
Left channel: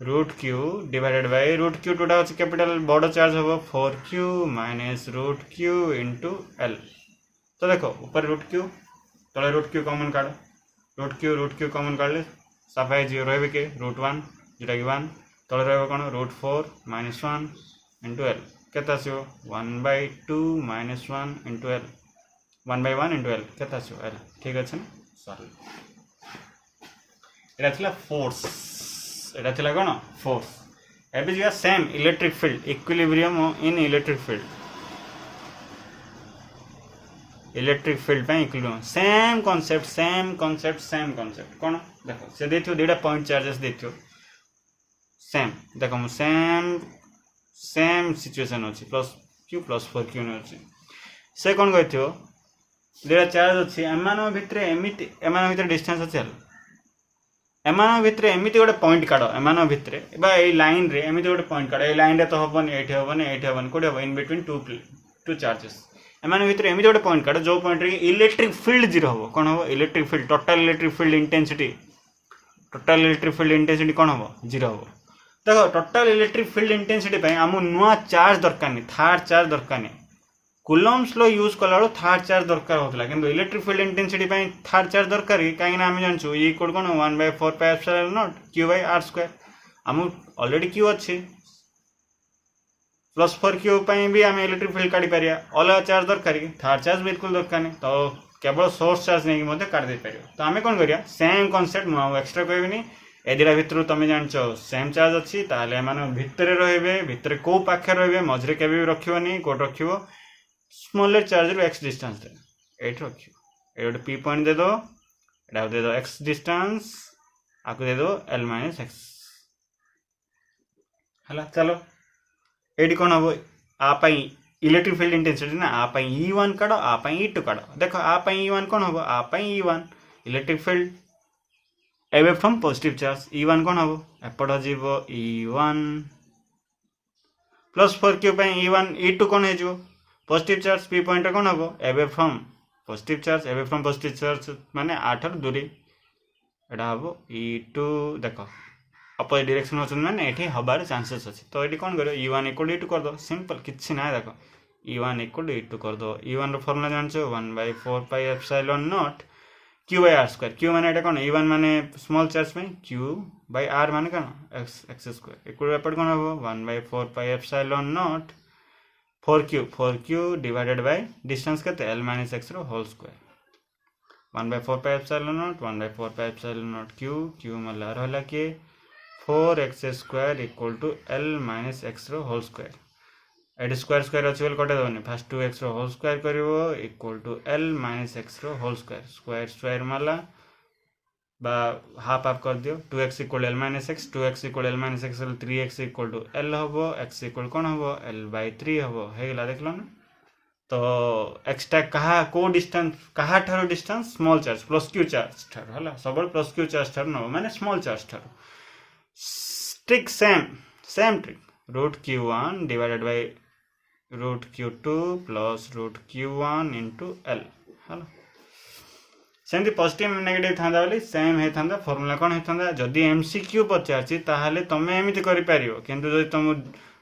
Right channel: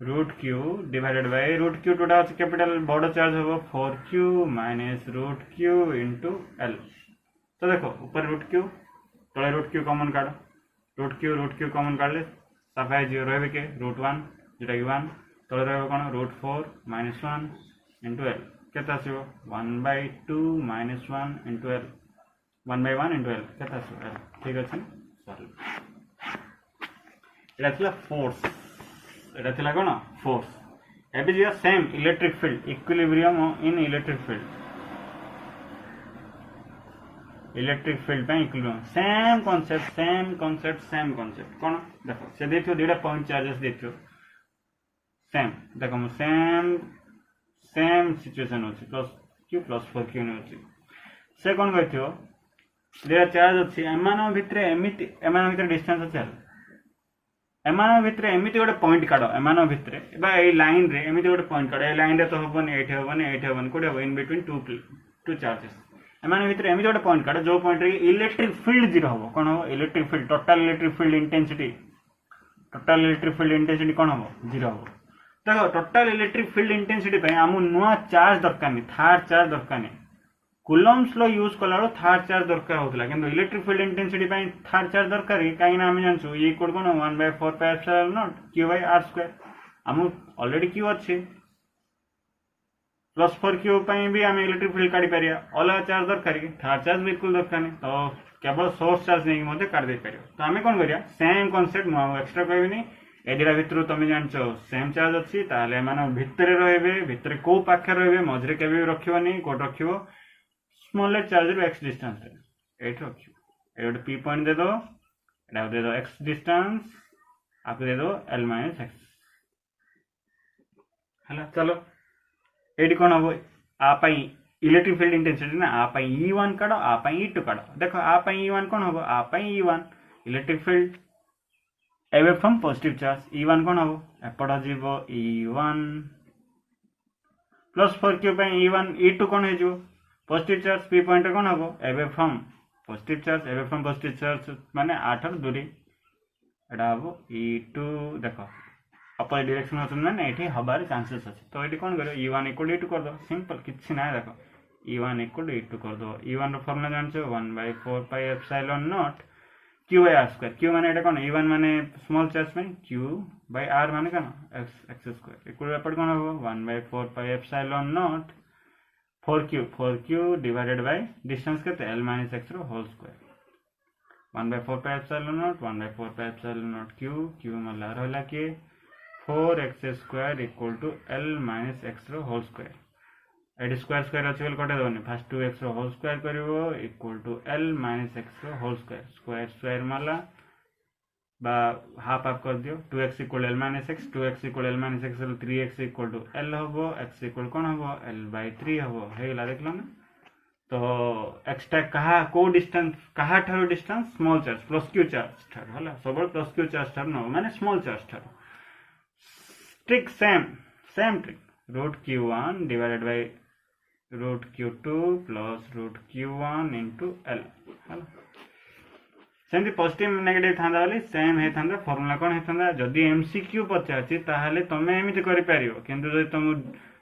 root Q divided by root Q टूटा अच्छे कैपिटल बड़ चार्ज हम 4Q minus root Q into L। तो देखो ऊपर रूट Q तले रूट Q कॉमन काढ़ रूट Q कॉमन काढ़ले सफाई जीरो रहे के √1 जोटा कि 1 तले रहा कौन √4 माइनस 1 इंटू L केते आसो 1/2 minus 1 into L 1/1 into L केते आसो L ठीक अच्छे सॉरी एटा थिला फोर्स एटा थिला कोन फोर्स एबे जिया same electric field equilibrium in electric field पे इक्विलिब्रियम सेम कॉन्सेप्ट कोन देखो से देथियो डेटा पॉइंट चार्जेस देथियो सेम देखो मु सेम सिचुएशन अछि +Q + 4Q ने अछि से कोन कहथियो डेटा चार्ज अछि एमानो भितरे डिस्टेंस अछि एमानो भितरे एमिति गोटे पॉइंट काढ़ एमानो भितरे बा ए लाइन रे एमिति गोटे पॉइंट काढ़ ए लाइन रे तो हबनी एठी हबनी कोडे हबो इन बिटवीन टू चार्जेस एमानो भितरे एमिति गोटे पॉइंट काढ़ जो पॉइंट रे इलेक्ट्रिक फील्ड जीरो हबो कोन हबो electric field total electric field intensity कोन हबो जीरो हबो देखो टोटल इलेक्ट्रिक फील्ड इंटेंसिटी पे हमु नुआ चार्ज दरकार नहीं थर्ड चार्ज दरकार नहीं कूलम्ब्स लॉ यूज कला बेलो थर्ड चार्ज दरकार होतला किंतु इलेक्ट्रिक फील्ड इंटेंसिटी पे थर्ड चार्ज दरकार काई ना हम जानछु ई इक्वल कोन 1/4 पाई एप्सिलॉन नॉट Q/r² हम ऑलरेडी Q अछि +4Q पे भी हम इलेक्ट्रिक फील्ड काढी परिया अलग चार्ज दरकार थर्ड चार्ज बिल्कुल दरकार नहीं तो केवल सोर्स चार्ज नहीं मते काढ दे परियो तो हमें कोन करिया सेम कांसेप्ट नो एक्स्ट्रा कहबिनी एदिरा भितर तुम जानछो सेम चार्ज अछि ताले माने भितरे रहबे भितरे को पाखे रहबे मझरे केबे रखिबोनी कोड रखिबो स्मॉलर चार्ज रो x डिस्टेंस दे एट रखियो ए p पॉइंट दे दो एटा दे दो x डिस्टेंस आको दे दो l - x हला चलो एडी कोन हबो आ पई इलेक्ट्रिक फील्ड इंटेंसिटी ना आ पई E1 काढो आ पई E2 काढो देखो आ पई E1 कोन हबो आ पई E1 electric field away from positive charge E1 कोन हबो एपड जीवो E1 +4Q पे E1 E2 कोन हे जो पॉजिटिव चार्ज p पॉइंट कोन हबो away from positive charge माने 8 र दूरी एटा हबो E2 देखो अपोजिट डायरेक्शन होचन माने एठी हबार चांसेस अछि तो एठी कोन करियो E1 = E2 कर दो सिंपल किछि ना देखो E1 = E2 कर दो E1 रो फार्मूला जानछो 1/4 pi epsilon naught Q/r²। Q माने एटा कोन E1 माने स्मॉल चार्ज में Q/r माने कोन x² इक्वल एपड कोन हबो 1/4 pi epsilon naught 4Q divided by distance केते l - x रो whole square 1/4 pi epsilon naught 1/4 pi epsilon naught Q मला रहला के 4x² = l - x रो होल स्क्वायर एडी स्क्वायर अछि बोल कटे दबनी फर्स्ट 2x रो होल स्क्वायर करिवो इक्वल टू l - x रो होल स्क्वायर माला बा हाफ कर दियो 2x = l - x 2x = l - x 3x = l हबो x = कोन हबो l/3 हबो हेला देखलो ना तो x टा कहा को डिस्टेंस कहा थारो distance small charge +Q charge थारो हला सबल +Q चार्ज थारो न माने स्मॉल चार्ज थारो trick same trick √Q1 divided by √Q2 plus √Q1 into L हला सेमती पॉजिटिव नेगेटिव थांदा वाली सेम हे थांदा फार्मूला कोन हे थांदा जदी MCQ पचारची ताहाले तमे एमिति करि पारियो किंतु जदी तुम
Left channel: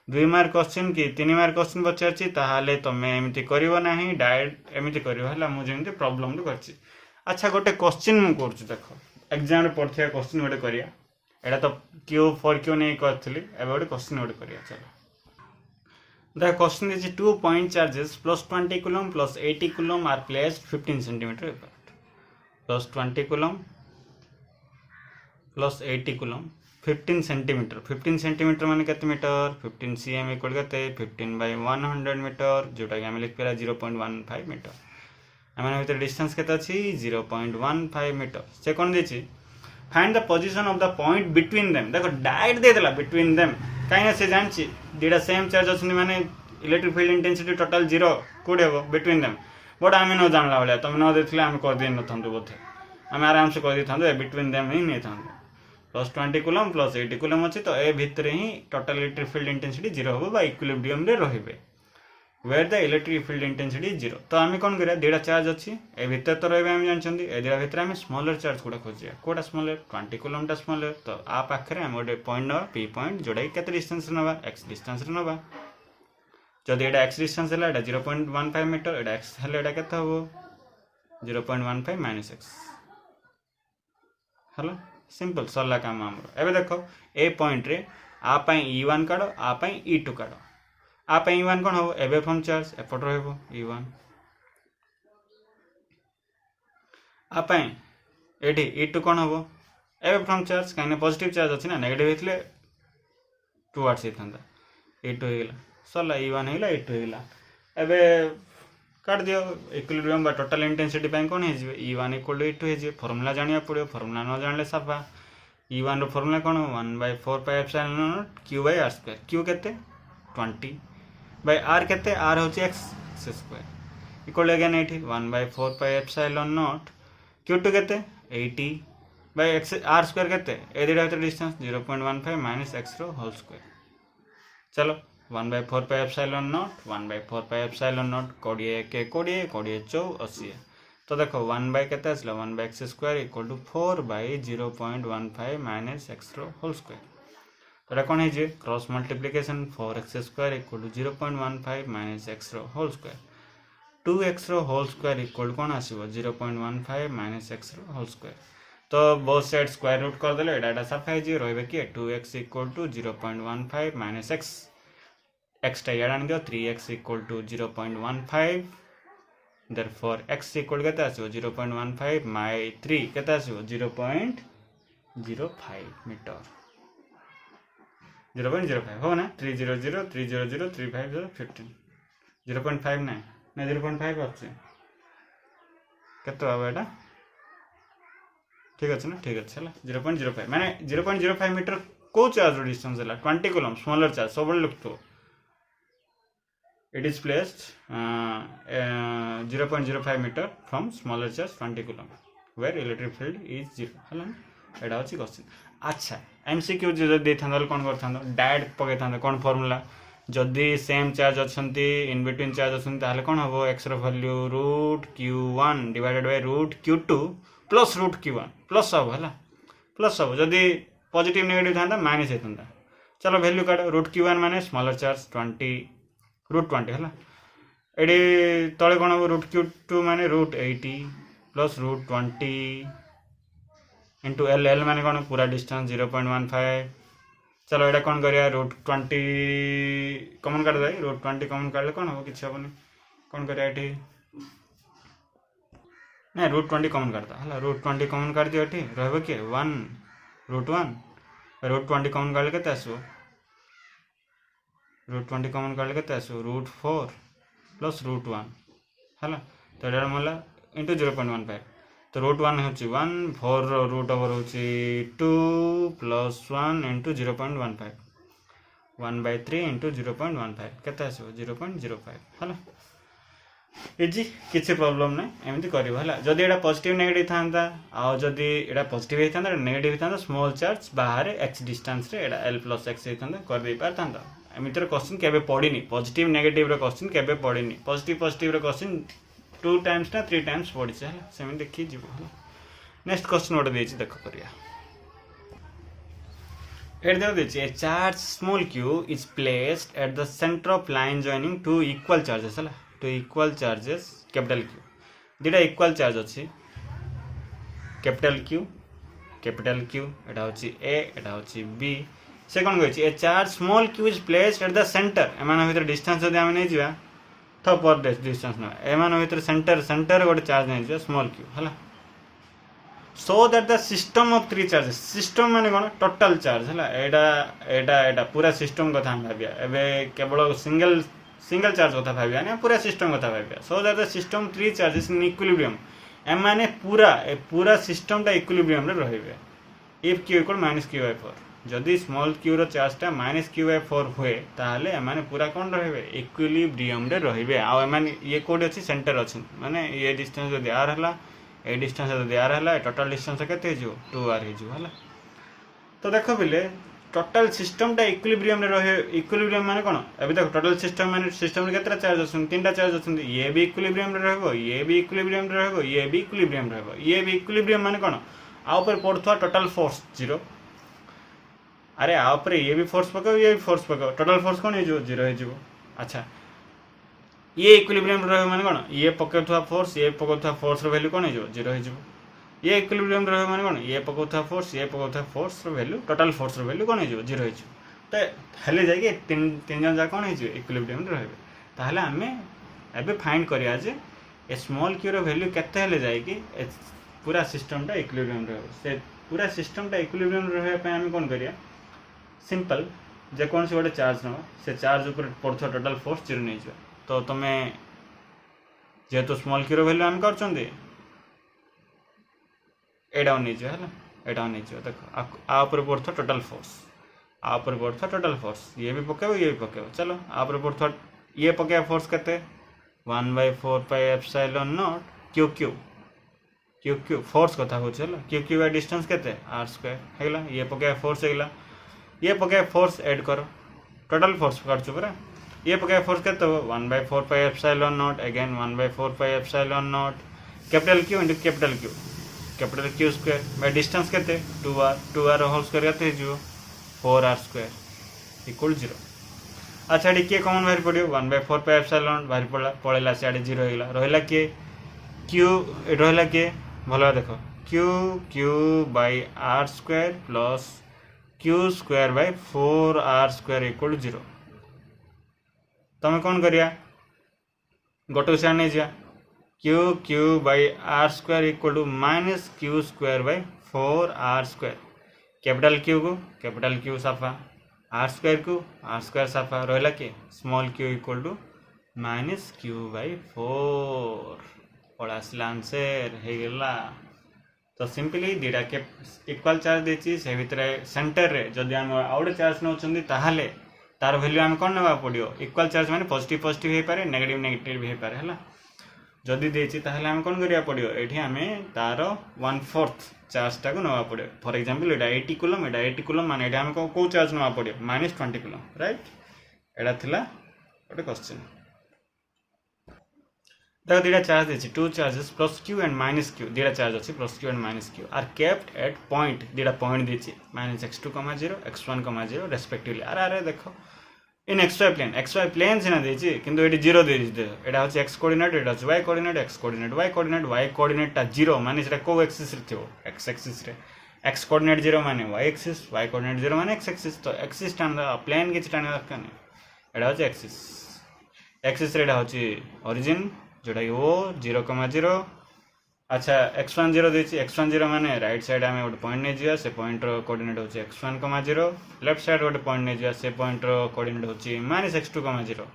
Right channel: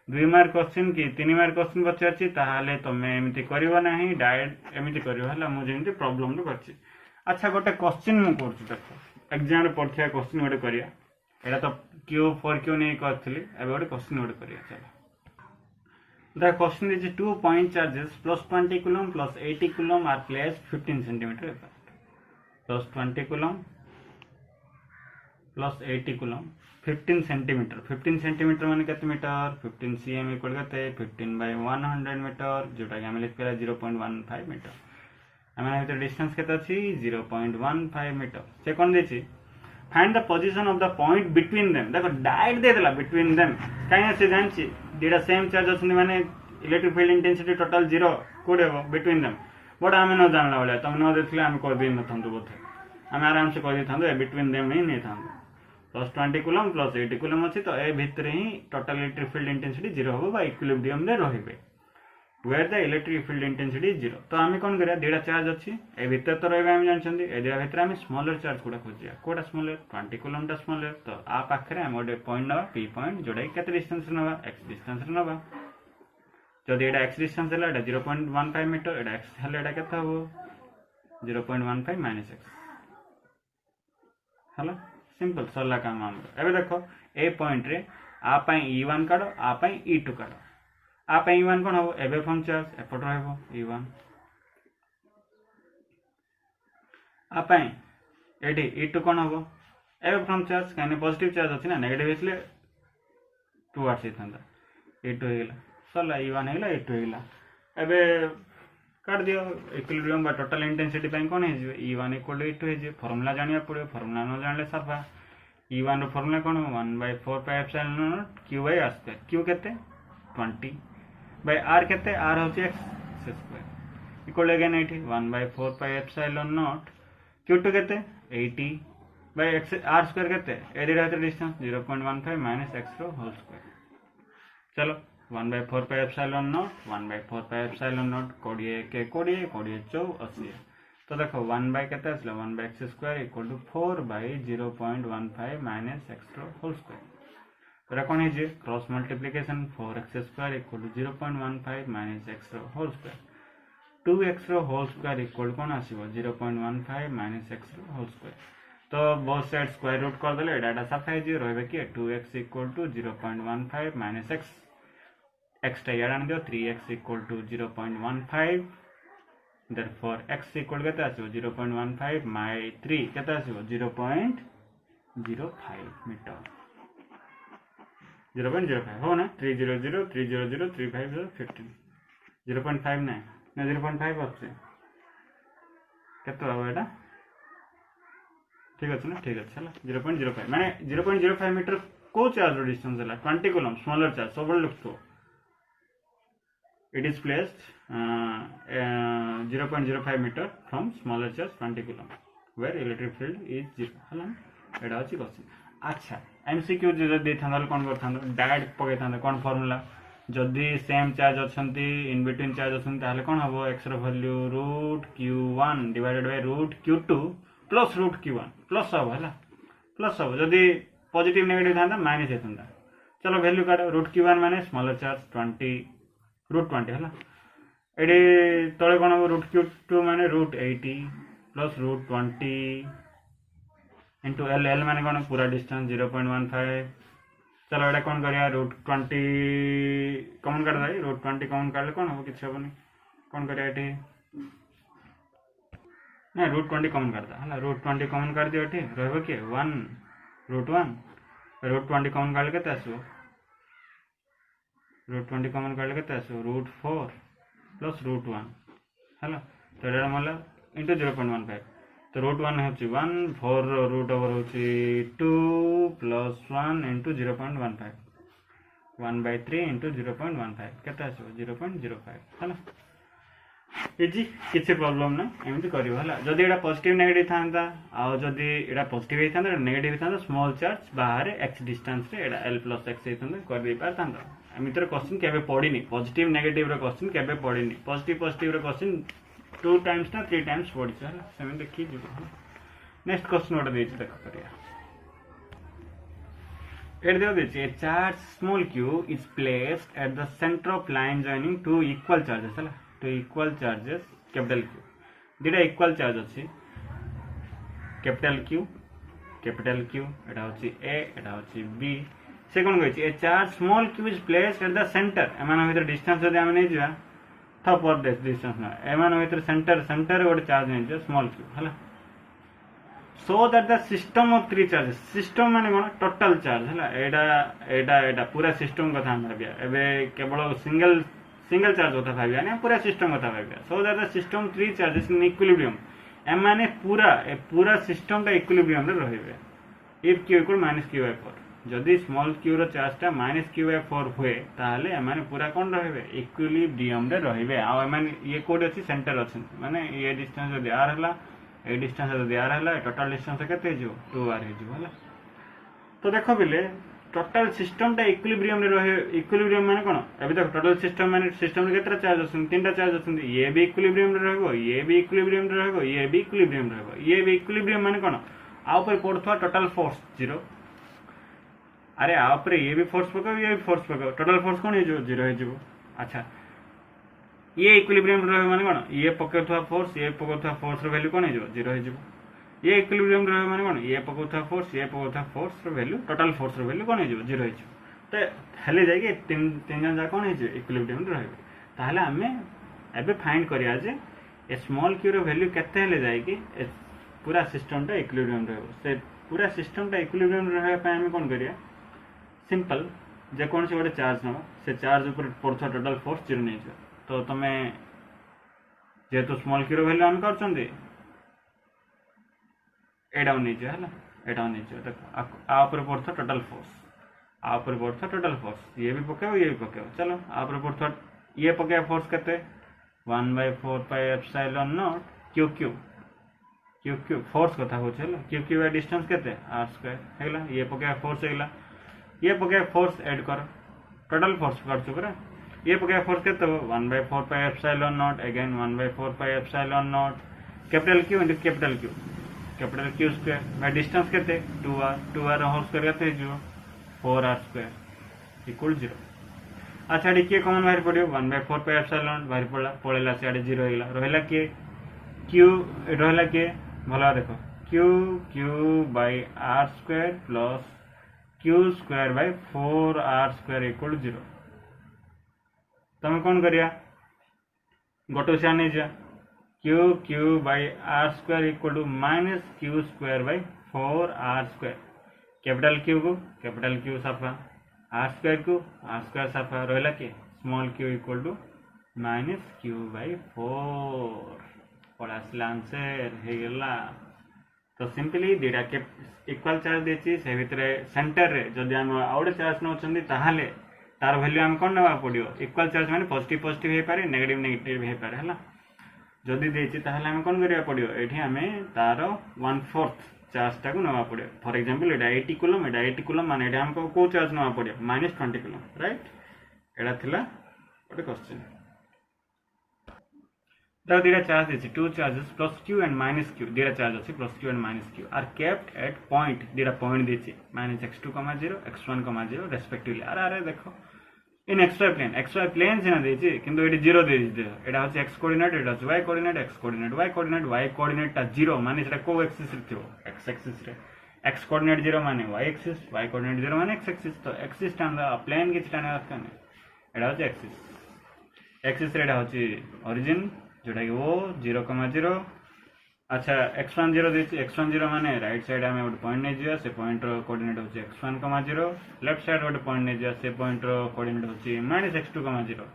2 मार्क क्वेश्चन की 3 मार्क क्वेश्चन पचारची ताहाले तमे एमिति करिवो नाही डायरेक्ट एमिति करिवो हला मु जेमति प्रॉब्लम रे करची अच्छा गोटे क्वेश्चन मु करछु देखो एग्जाम रे पढ़थिया क्वेश्चन गोटे करिया एटा तो Q4Q नै करथली एबे गोटे क्वेश्चन गोटे करिया चलो The question is 2 point charges plus 20 coulomb plus 80 coulomb are placed 15 cm apart. Plus 20 coulomb plus 80 coulomb 15 cm. 15 cm माने केते मीटर 15 cm इक्वल केते 15/100 मीटर जोटा कि हम लिख पेला 0.15 मीटर हमन भीतर डिस्टेंस केते अछि 0.15 मीटर से कोन देछि find the position of the point between them देखो डायरेक्ट दे देला बिटवीन देम काहे से जानछि डेटा सेम चार्ज अछि माने electric field intensity total 0 code हेबो बिटवीन देम बट आमे न जानला वाला तुम न देखले आमे कर दे न थंदु बोथे आमे आराम से कर दे थंदु बिटवीन देम नहीं थंदु प्लस 20 कूलम प्लस 80 कूलम अछि तो ए भितर ही टोटल इलेक्ट्रिक फील्ड इंटेंसिटी 0 होबो बा इक्विलिब्रियम रे रहिबे where the electric field intensity is 0। तो आम कौन करा दुटा चार्ज अच्छी ए भितर तो रही आम जानते ए दुटा भितर आम स्मॉलर चार्ज गुड़ा खोजा कौटा स्मॉलर 20 कूलम स्मॉलर। तो आ पाखे आम गोटे पॉइंट ना पी पॉइंट जोटा के डिस्टेंस ना एक्स डिस्टेंस ना जदि एटा एक्स डिस्टेंस है 0.15 मीटर एटा एक्स है के हम 0.15 माइनस एक्स है सिंपल सरला काम आम। एवं देख ए पॉइंट रे आप E1 काढ़ आप E2 काढ़ आप E1 कौन हम एवे फ्रॉम चार्ज एपट रहा E1 आप ये E2 कौन हम एवे फ्रॉम चार्ज कहीं पॉजिटिव चार्ज अच्छी ना नेगेटिव होते टुवर्ड्स होता E2 होगा सरला E1 होगा E2 होगा एवं काट दियो इक्विलिब्रियम बा टोटल इंटेंसिटी कौन है E1 इक्वल टू E2 है फॉर्मूला जानिया पड़ो फॉर्मूला न जान साफा E1 रो फॉर्मूला कौन 1/4 pi epsilon naught Q by R square Q केते 20 बाय R केते R होची x square equal again 80 1/4 pi epsilon naught Q2 केते 80 बाय x R स्क्वायर केते ए दिडा भीतर डिस्टेंस 0.15 माइनस x रो होल स्क्वायर। चलो 1/4 pi epsilon naught 1/4 pi epsilon not 20 के 20 20 चौ 80। तो देखो 1 बाय केते आसला 1 by x square equal to 4 by 0.15 minus x रो होल स्क्वायर। तो एटा कौन है cross multiplication 4x square equal to 0.15 minus x रो होल स्क्वायर 2x रो होल स्क्वायर इक्वल कौन आसीबो 0.15 माइनस एक्स रो होल स्क्वायर। तो बोथ साइड स्क्वायर रूट कर देले एटा साफा है रहबे कि 2x equal to 0.15 minus x टा याड आन दियो 3x equal to 0.15 therefore x equal केते आसीबो 0.15 माइ 3 केते आसीबो 0.05 मीटर 0.05 हो ना 300 300 350 15 0.5 ना 0.5 अच्छे केते आबो एटा ठीक अच्छे ना ठीक अच्छे है 0.05 माने 0.05 मीटर को चार्ज डिस्टेंस है 20 कूलम स्मॉलर चार्ज सब लिखतो it is placed 0.05 meter from smaller charge 20 coulomb where electric field is 0 हला एटा अछि क्वेश्चन। अच्छा एमसीक्यू जे दे थांदल कोन करथांदो डायरेक्ट पके थांदो कोन फार्मूला जदी सेम चार्ज अछंती इन बिटवीन चार्ज अछंती ताले कोन हबो x रो value √q1 divided by √q2 plus √q1 plus हबो हला प्लस हबो जदी पॉजिटिव नेगेटिव थांदा माइनस हेतंदा। चलो वैल्यू काढ √q1 माने स्मॉलर चार्ज 20 √20 है ये तले कौन हम √q2 माने √80 प्लस √20 इंटू एल एल माने कौन पूरा डिस्टेंस 0.15। चलो ये कौन करिया √20 कमन काट दे √20 कमन काटले कौन हम किसी हेनी कौन करिया ये ना √20 कमन काटता है √20 कमन काट दियो ये रहे कि 1 √1 √20 कमन काटले केते आसो √20 कमन काटले केते आसो √4 प्लस √1 है तो ये मला इंटू 0.15 तो √1 होची 1 4 रूट ओवर होची 2 प्लस 1 इंटू 0.15 1/3 इंटू 0.15 केते आसो 0.05 है इजी किसी प्रॉब्लम ना एमती करियो हला जदी एटा पॉजिटिव नेगेटिव थांता आ जदी एटा पॉजिटिव हेतांता नेगेटिव थांता स्मॉल चार्ज बाहर x डिस्टेंस रे एटा l प्लस x हेतांता कर दे पारतांता एमितर क्वेश्चन केबे पडिनी पॉजिटिव नेगेटिव रो क्वेश्चन केबे पडिनी पॉजिटिव रो क्वेश्चन 2 टाइम्स ना 3 टाइम्स पडी छ हला सेम देखि जिवो नेक्स्ट क्वेश्चन ओटा देछि देखो करिया एट देखो देछि a charge small q is placed at the centre of line joining two equal charges हला two equal charges capital Q दुटा इक्वल चार्ज अच्छी कैपिटल Q एटा होची A एटा होची B से कौन कही ए charge small q is placed at the centre एमान भीतर डिस्टेंस जदि आमे नै जिवा तो पर डिस्टेंस ना एमान भीतर सेंटर गोटे चार्ज नै जिवा स्मॉल q हला सो that the system of 3 charges system माने कोन टोटल चार्ज हला एटा पूरा सिस्टम कथा हम भाबिया एबे केवल सिंगल चार्ज कथा भाबिया ना पूरा सिस्टम कथा भाबिया so that the system 3 charges in equilibrium एमाने पूरा सिस्टम टा इक्विलिब्रियम रे रहिबे इफ q इक्वल -q/4 जदि स्मॉल q रो चार्ज टा -q/4 हुए ताहले एमाने पूरा कोन रहिबे इक्विलिब्रियम रे रहिबे आ एमाने ये कोड अछि सेंटर अछि माने ये डिस्टेंस जदि r हला ए डिस्टेंस जदि r हला टोटल डिस्टेंस केते जो 2r हे जो हला तो देखो बिले टोटल सिस्टम टा इक्विलिब्रियम रे रहे इक्विलिब्रियम माने कोन अभी देखो टोटल सिस्टम माने सिस्टम रे केतरा चार्ज अछन तीनटा चार्ज अछन ये भी इक्विलिब्रियम रे रहबो ये भी इक्विलिब्रियम रे रहबो ये भी इक्विलिब्रियम रहबो ये भी इक्विलिब्रियम माने कोन आ ऊपर पड़थवा टोटल फोर्स 0 अरे आ ऊपर ये भी फोर्स पकाओ ये भी फोर्स पकाओ टोटल फोर्स कोन हे जो 0 हे जिवो अच्छा ये इक्विलिब्रियम रे रहबो माने कोन ये पकाउथवा फोर्स रो वैल्यू कोन हे जो 0 हे जिवो ये इक्विलिब्रियम रहे माने कोन ये पकाउथवा फोर्स रो वैल्यू टोटल फोर्स रो वैल्यू कोन हे जो 0 हे जो तो हेले जाय के तीन जन जा कोन हे जो इक्विलिब्रियम रहबे ताहले हमें एबे फाइंड करिया जे ए स्मॉल q रो वैल्यू केते हेले जाय कि पूरा सिस्टम टा इक्विलिब्रियम रहबो से पूरा सिस्टम टा इक्विलिब्रियम रहे पे हमें कोन करिया सिंपल जे कोन से गोटे चार्ज नवा से चार्ज ऊपर पड़थवा टोटल फोर्स 0 नै जो तो तमे जे तो स्मॉल q रो वैल्यू हम करछंदी एडा नहीं है एडा नहीं देखो आ ऊपर पड़ता टोटल फोर्स आ ऊपर पड़ता टोटल फोर्स ये भी पकाओ ये भी पकाओ चलो आ ऊपर पड़ता ये पकाया फोर्स केते 1/4 pi epsilon not Q Q Q Q force कथा हो चलो क्यू क्यू बाय डिस्टेंस केते r² हेला ये पकाया फोर्स हेला ये पकाया फोर्स ऐड करो टोटल फोर्स पकड़ चुकरा ये पकाया फोर्स केते 1/4 pi epsilon not again 1/4 pi epsilon naught capital Q into capital Q square by distance केते 2r होल स्क्वायर केते जो 4r² इक्वल 0 अच्छा डी के कॉमन बाहर पड़ियो 1/4 पाई एप्सिलॉन बाहर पड़ला पळेला से 0 हेला रहला के q रहला के भला देखो q by r² plus q² by 4r² equal 0 तमे कोन करिया गोटो से आने जा q by r² equal to minus q² by 4r² capital Q साफा r² को r² साफा रहला के small q equal to minus q by 4 पड़ा आसला आंसर हे गेला तो सिंपली दीटा के इक्वल चार्ज देछि से भितरे सेंटर रे जदि हम आउट चार्ज नउचंदी ताहाले तार वैल्यू हम कोन नवा पड़ियो इक्वल चार्ज माने पॉजिटिव हे पारे नेगेटिव हे पारे हला जदि देछि ताहाले हम कोन करिया पड़ियो एठी हमें तार 1/4 चार्ज टाको नवा पड़ियो फॉर एग्जांपल एडा 80 कूलम माने एडा हमको को चार्ज नवा पड़ियो -20 कूलम राइट एडा थिला ओटे क्वेश्चन द दीटा चार्ज देछि two charges plus q and minus q theta charge अछि plus q and minus q are kept at point theta point देछि -x2, 0 x1, 0 रेस्पेक्टिवली अरे देखो इन xy प्लेन से ना देछि किंतु एटी 0 दे दिस एटा होछि x कोऑर्डिनेट एटा होछि y coordinate x coordinate y coordinate ता 0 माने सेटा को एक्सिस रे थियो x एक्सिस रे x कोऑर्डिनेट 0 माने y एक्सिस y कोऑर्डिनेट 0 माने x एक्सिस तो एक्सिस टांगा प्लेन के टांगा दरकार नै एटा होछि एक्सिस रे एटा होछि ओरिजिन जोटा कि ओ 0, 0 अच्छा x1 0 देछि x1 0 माने राइट साइड हमें गोटे पॉइंट नै जिया से पॉइंट रो कोऑर्डिनेट होछि x1, 0 लेफ्ट साइड गोटे पॉइंट नै जिया से पॉइंट रो कोऑर्डिनेट होछि -x2, 0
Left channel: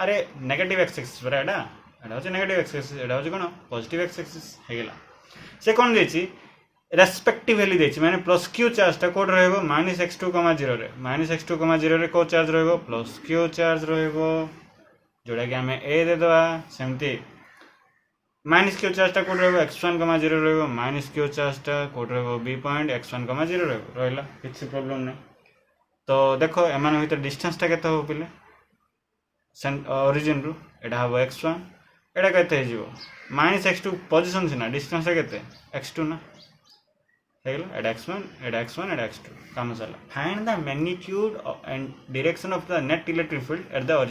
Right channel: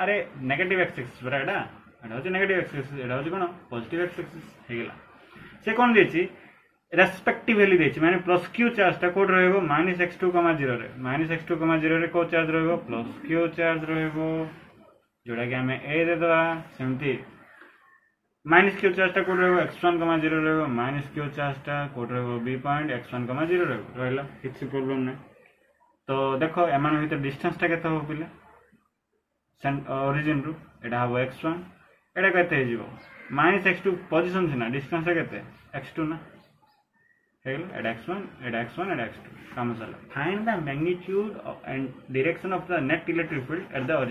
अरे नेगेटिव x एक्सिस पर एडा होछि नेगेटिव x एक्सिस एडा होछि कोन पॉजिटिव x एक्सिस हे गेला से कोन देछि रेस्पेक्टिवली देछि माने प्लस q चार्ज ता कोड रहबो -x2, 0 रे -x2, 0 रे को चार्ज रहबो प्लस q चार्ज रहबो जोड़ा कि हमें a दे दवा सेमती -q चार्ज ता कोड रहबो x1, 0 रहबो -q चार्ज ता कोड रहबो b पॉइंट x1, 0 रहबो रहला किछि प्रॉब्लम नै तो देखो एमान भीतर डिस्टेंस ता केते हो पिले ओरिजिन रु एडा हबो x1 एडा केते हे जिवो -x2 पोजीशन से ना डिस्टेंस केते x2 ना हेगला एडा x1 एडा x2 काम चला find the magnitude and direction of the net electric field at the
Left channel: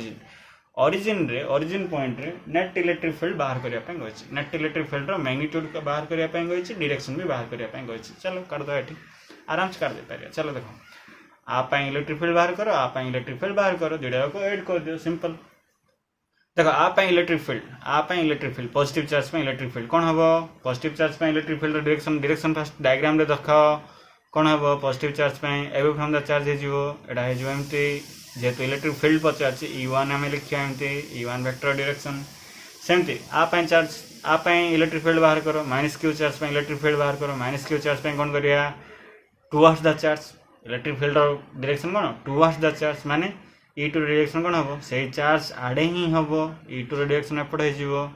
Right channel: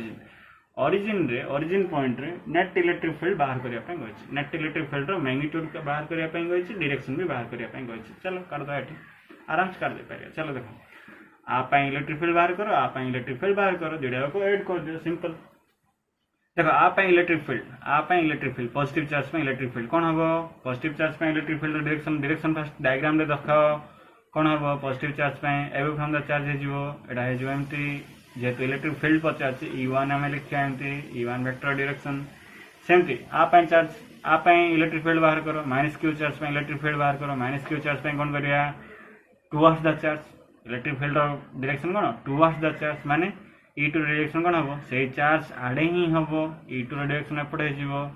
origin point रे नेट इलेक्ट्रिक फील्ड बाहर करिया पे गछि नेट इलेक्ट्रिक फील्ड रो मैग्नीट्यूड का बाहर करिया पे गछि डायरेक्शन भी बाहर करिया पे गछि चलो कर दो एठी आराम से कर दे पारिया चलो देखो आप इलेक्ट्रिक फील्ड बाहर करो आप इलेक्ट्रिक फील्ड बाहर करो दिडा को ऐड कर दियो सिंपल देखो आप इलेक्ट्रिक फील्ड पॉजिटिव चार्ज पे इलेक्ट्रिक फील्ड कोन हबो पॉजिटिव चार्ज पे electric field direction first diagram रे देखाओ कोन हबो पॉजिटिव चार्ज पे अवे फ्रॉम द चार्ज हे जिवो एडा हे जिवो एम्ति जेहेतु इलेक्ट्रिक फील्ड पचार E1 आम लिखा एमती E1 वेक्टर डायरेक्शन सेमती आप चार्ज आप इलेक्ट्रिक फील्ड बाहर करो -q चार्ज पे इलेक्ट्रिक फील्ड बाहर करो -q चार्ज पे कौन करिया towards the charge electric field direction कौन टुवर्ड्स द चार्ज माने E2 डायरेक्शन कौन हम से चार्ज आड़े ही हम E2 डायरेक्शन एपटे हो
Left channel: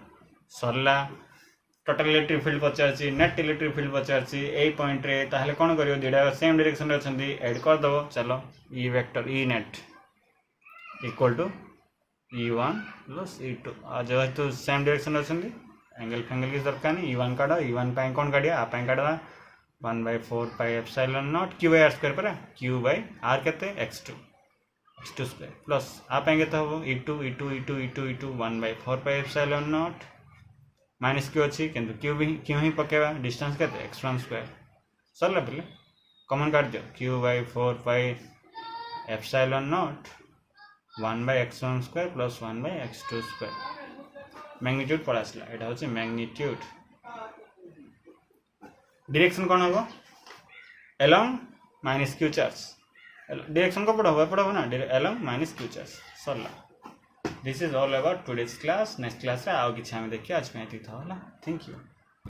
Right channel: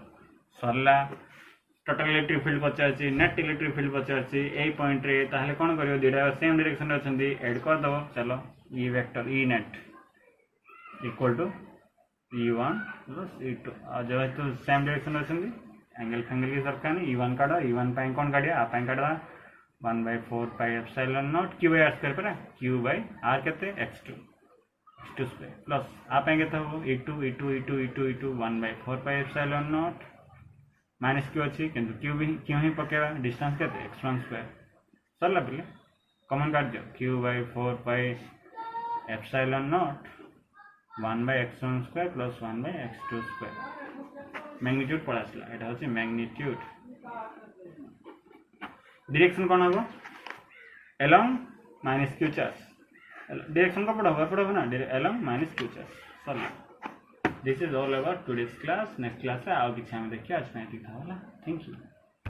सरला टोटल इलेक्ट्रिक फील्ड पचार नेट इलेक्ट्रिक फील्ड पचार ए पॉइंट रे ताहले कौन कर दुटा सेम डायरेक्शन अच्छे एड करदेव चलो E vector E net equal to E1 plus E2 जेहेतु सेम डायरेक्शन अच्छे एंगल फैंगल किसी दरकार नहीं E1 काढ़ E1 कौन काढ़िया आप काढ़ा 1/4 pi epsilon naught Q by R square परा Q बाय R के x2 स्क्वायर प्लस आप हम E2 1/4 pi epsilon naught minus Q अच्छी किंतु क्यू ही पकेवा डिस्टेंस के x1 स्क्वायर सरला पे कॉमन काट दियो Q/4 pi epsilon naught 1/x1 square plus 1/x2 square magnitude पड़ा आसला एटा होची मैग्नीट्यूड डायरेक्शन कौन हम along minus Q charge direction को पढ़ा ना अलोंग माइनस क्यू चार्ज सरला this is all about today's class next class रे आउ किछि हम देखिया आज में एति था होला थैंक यू।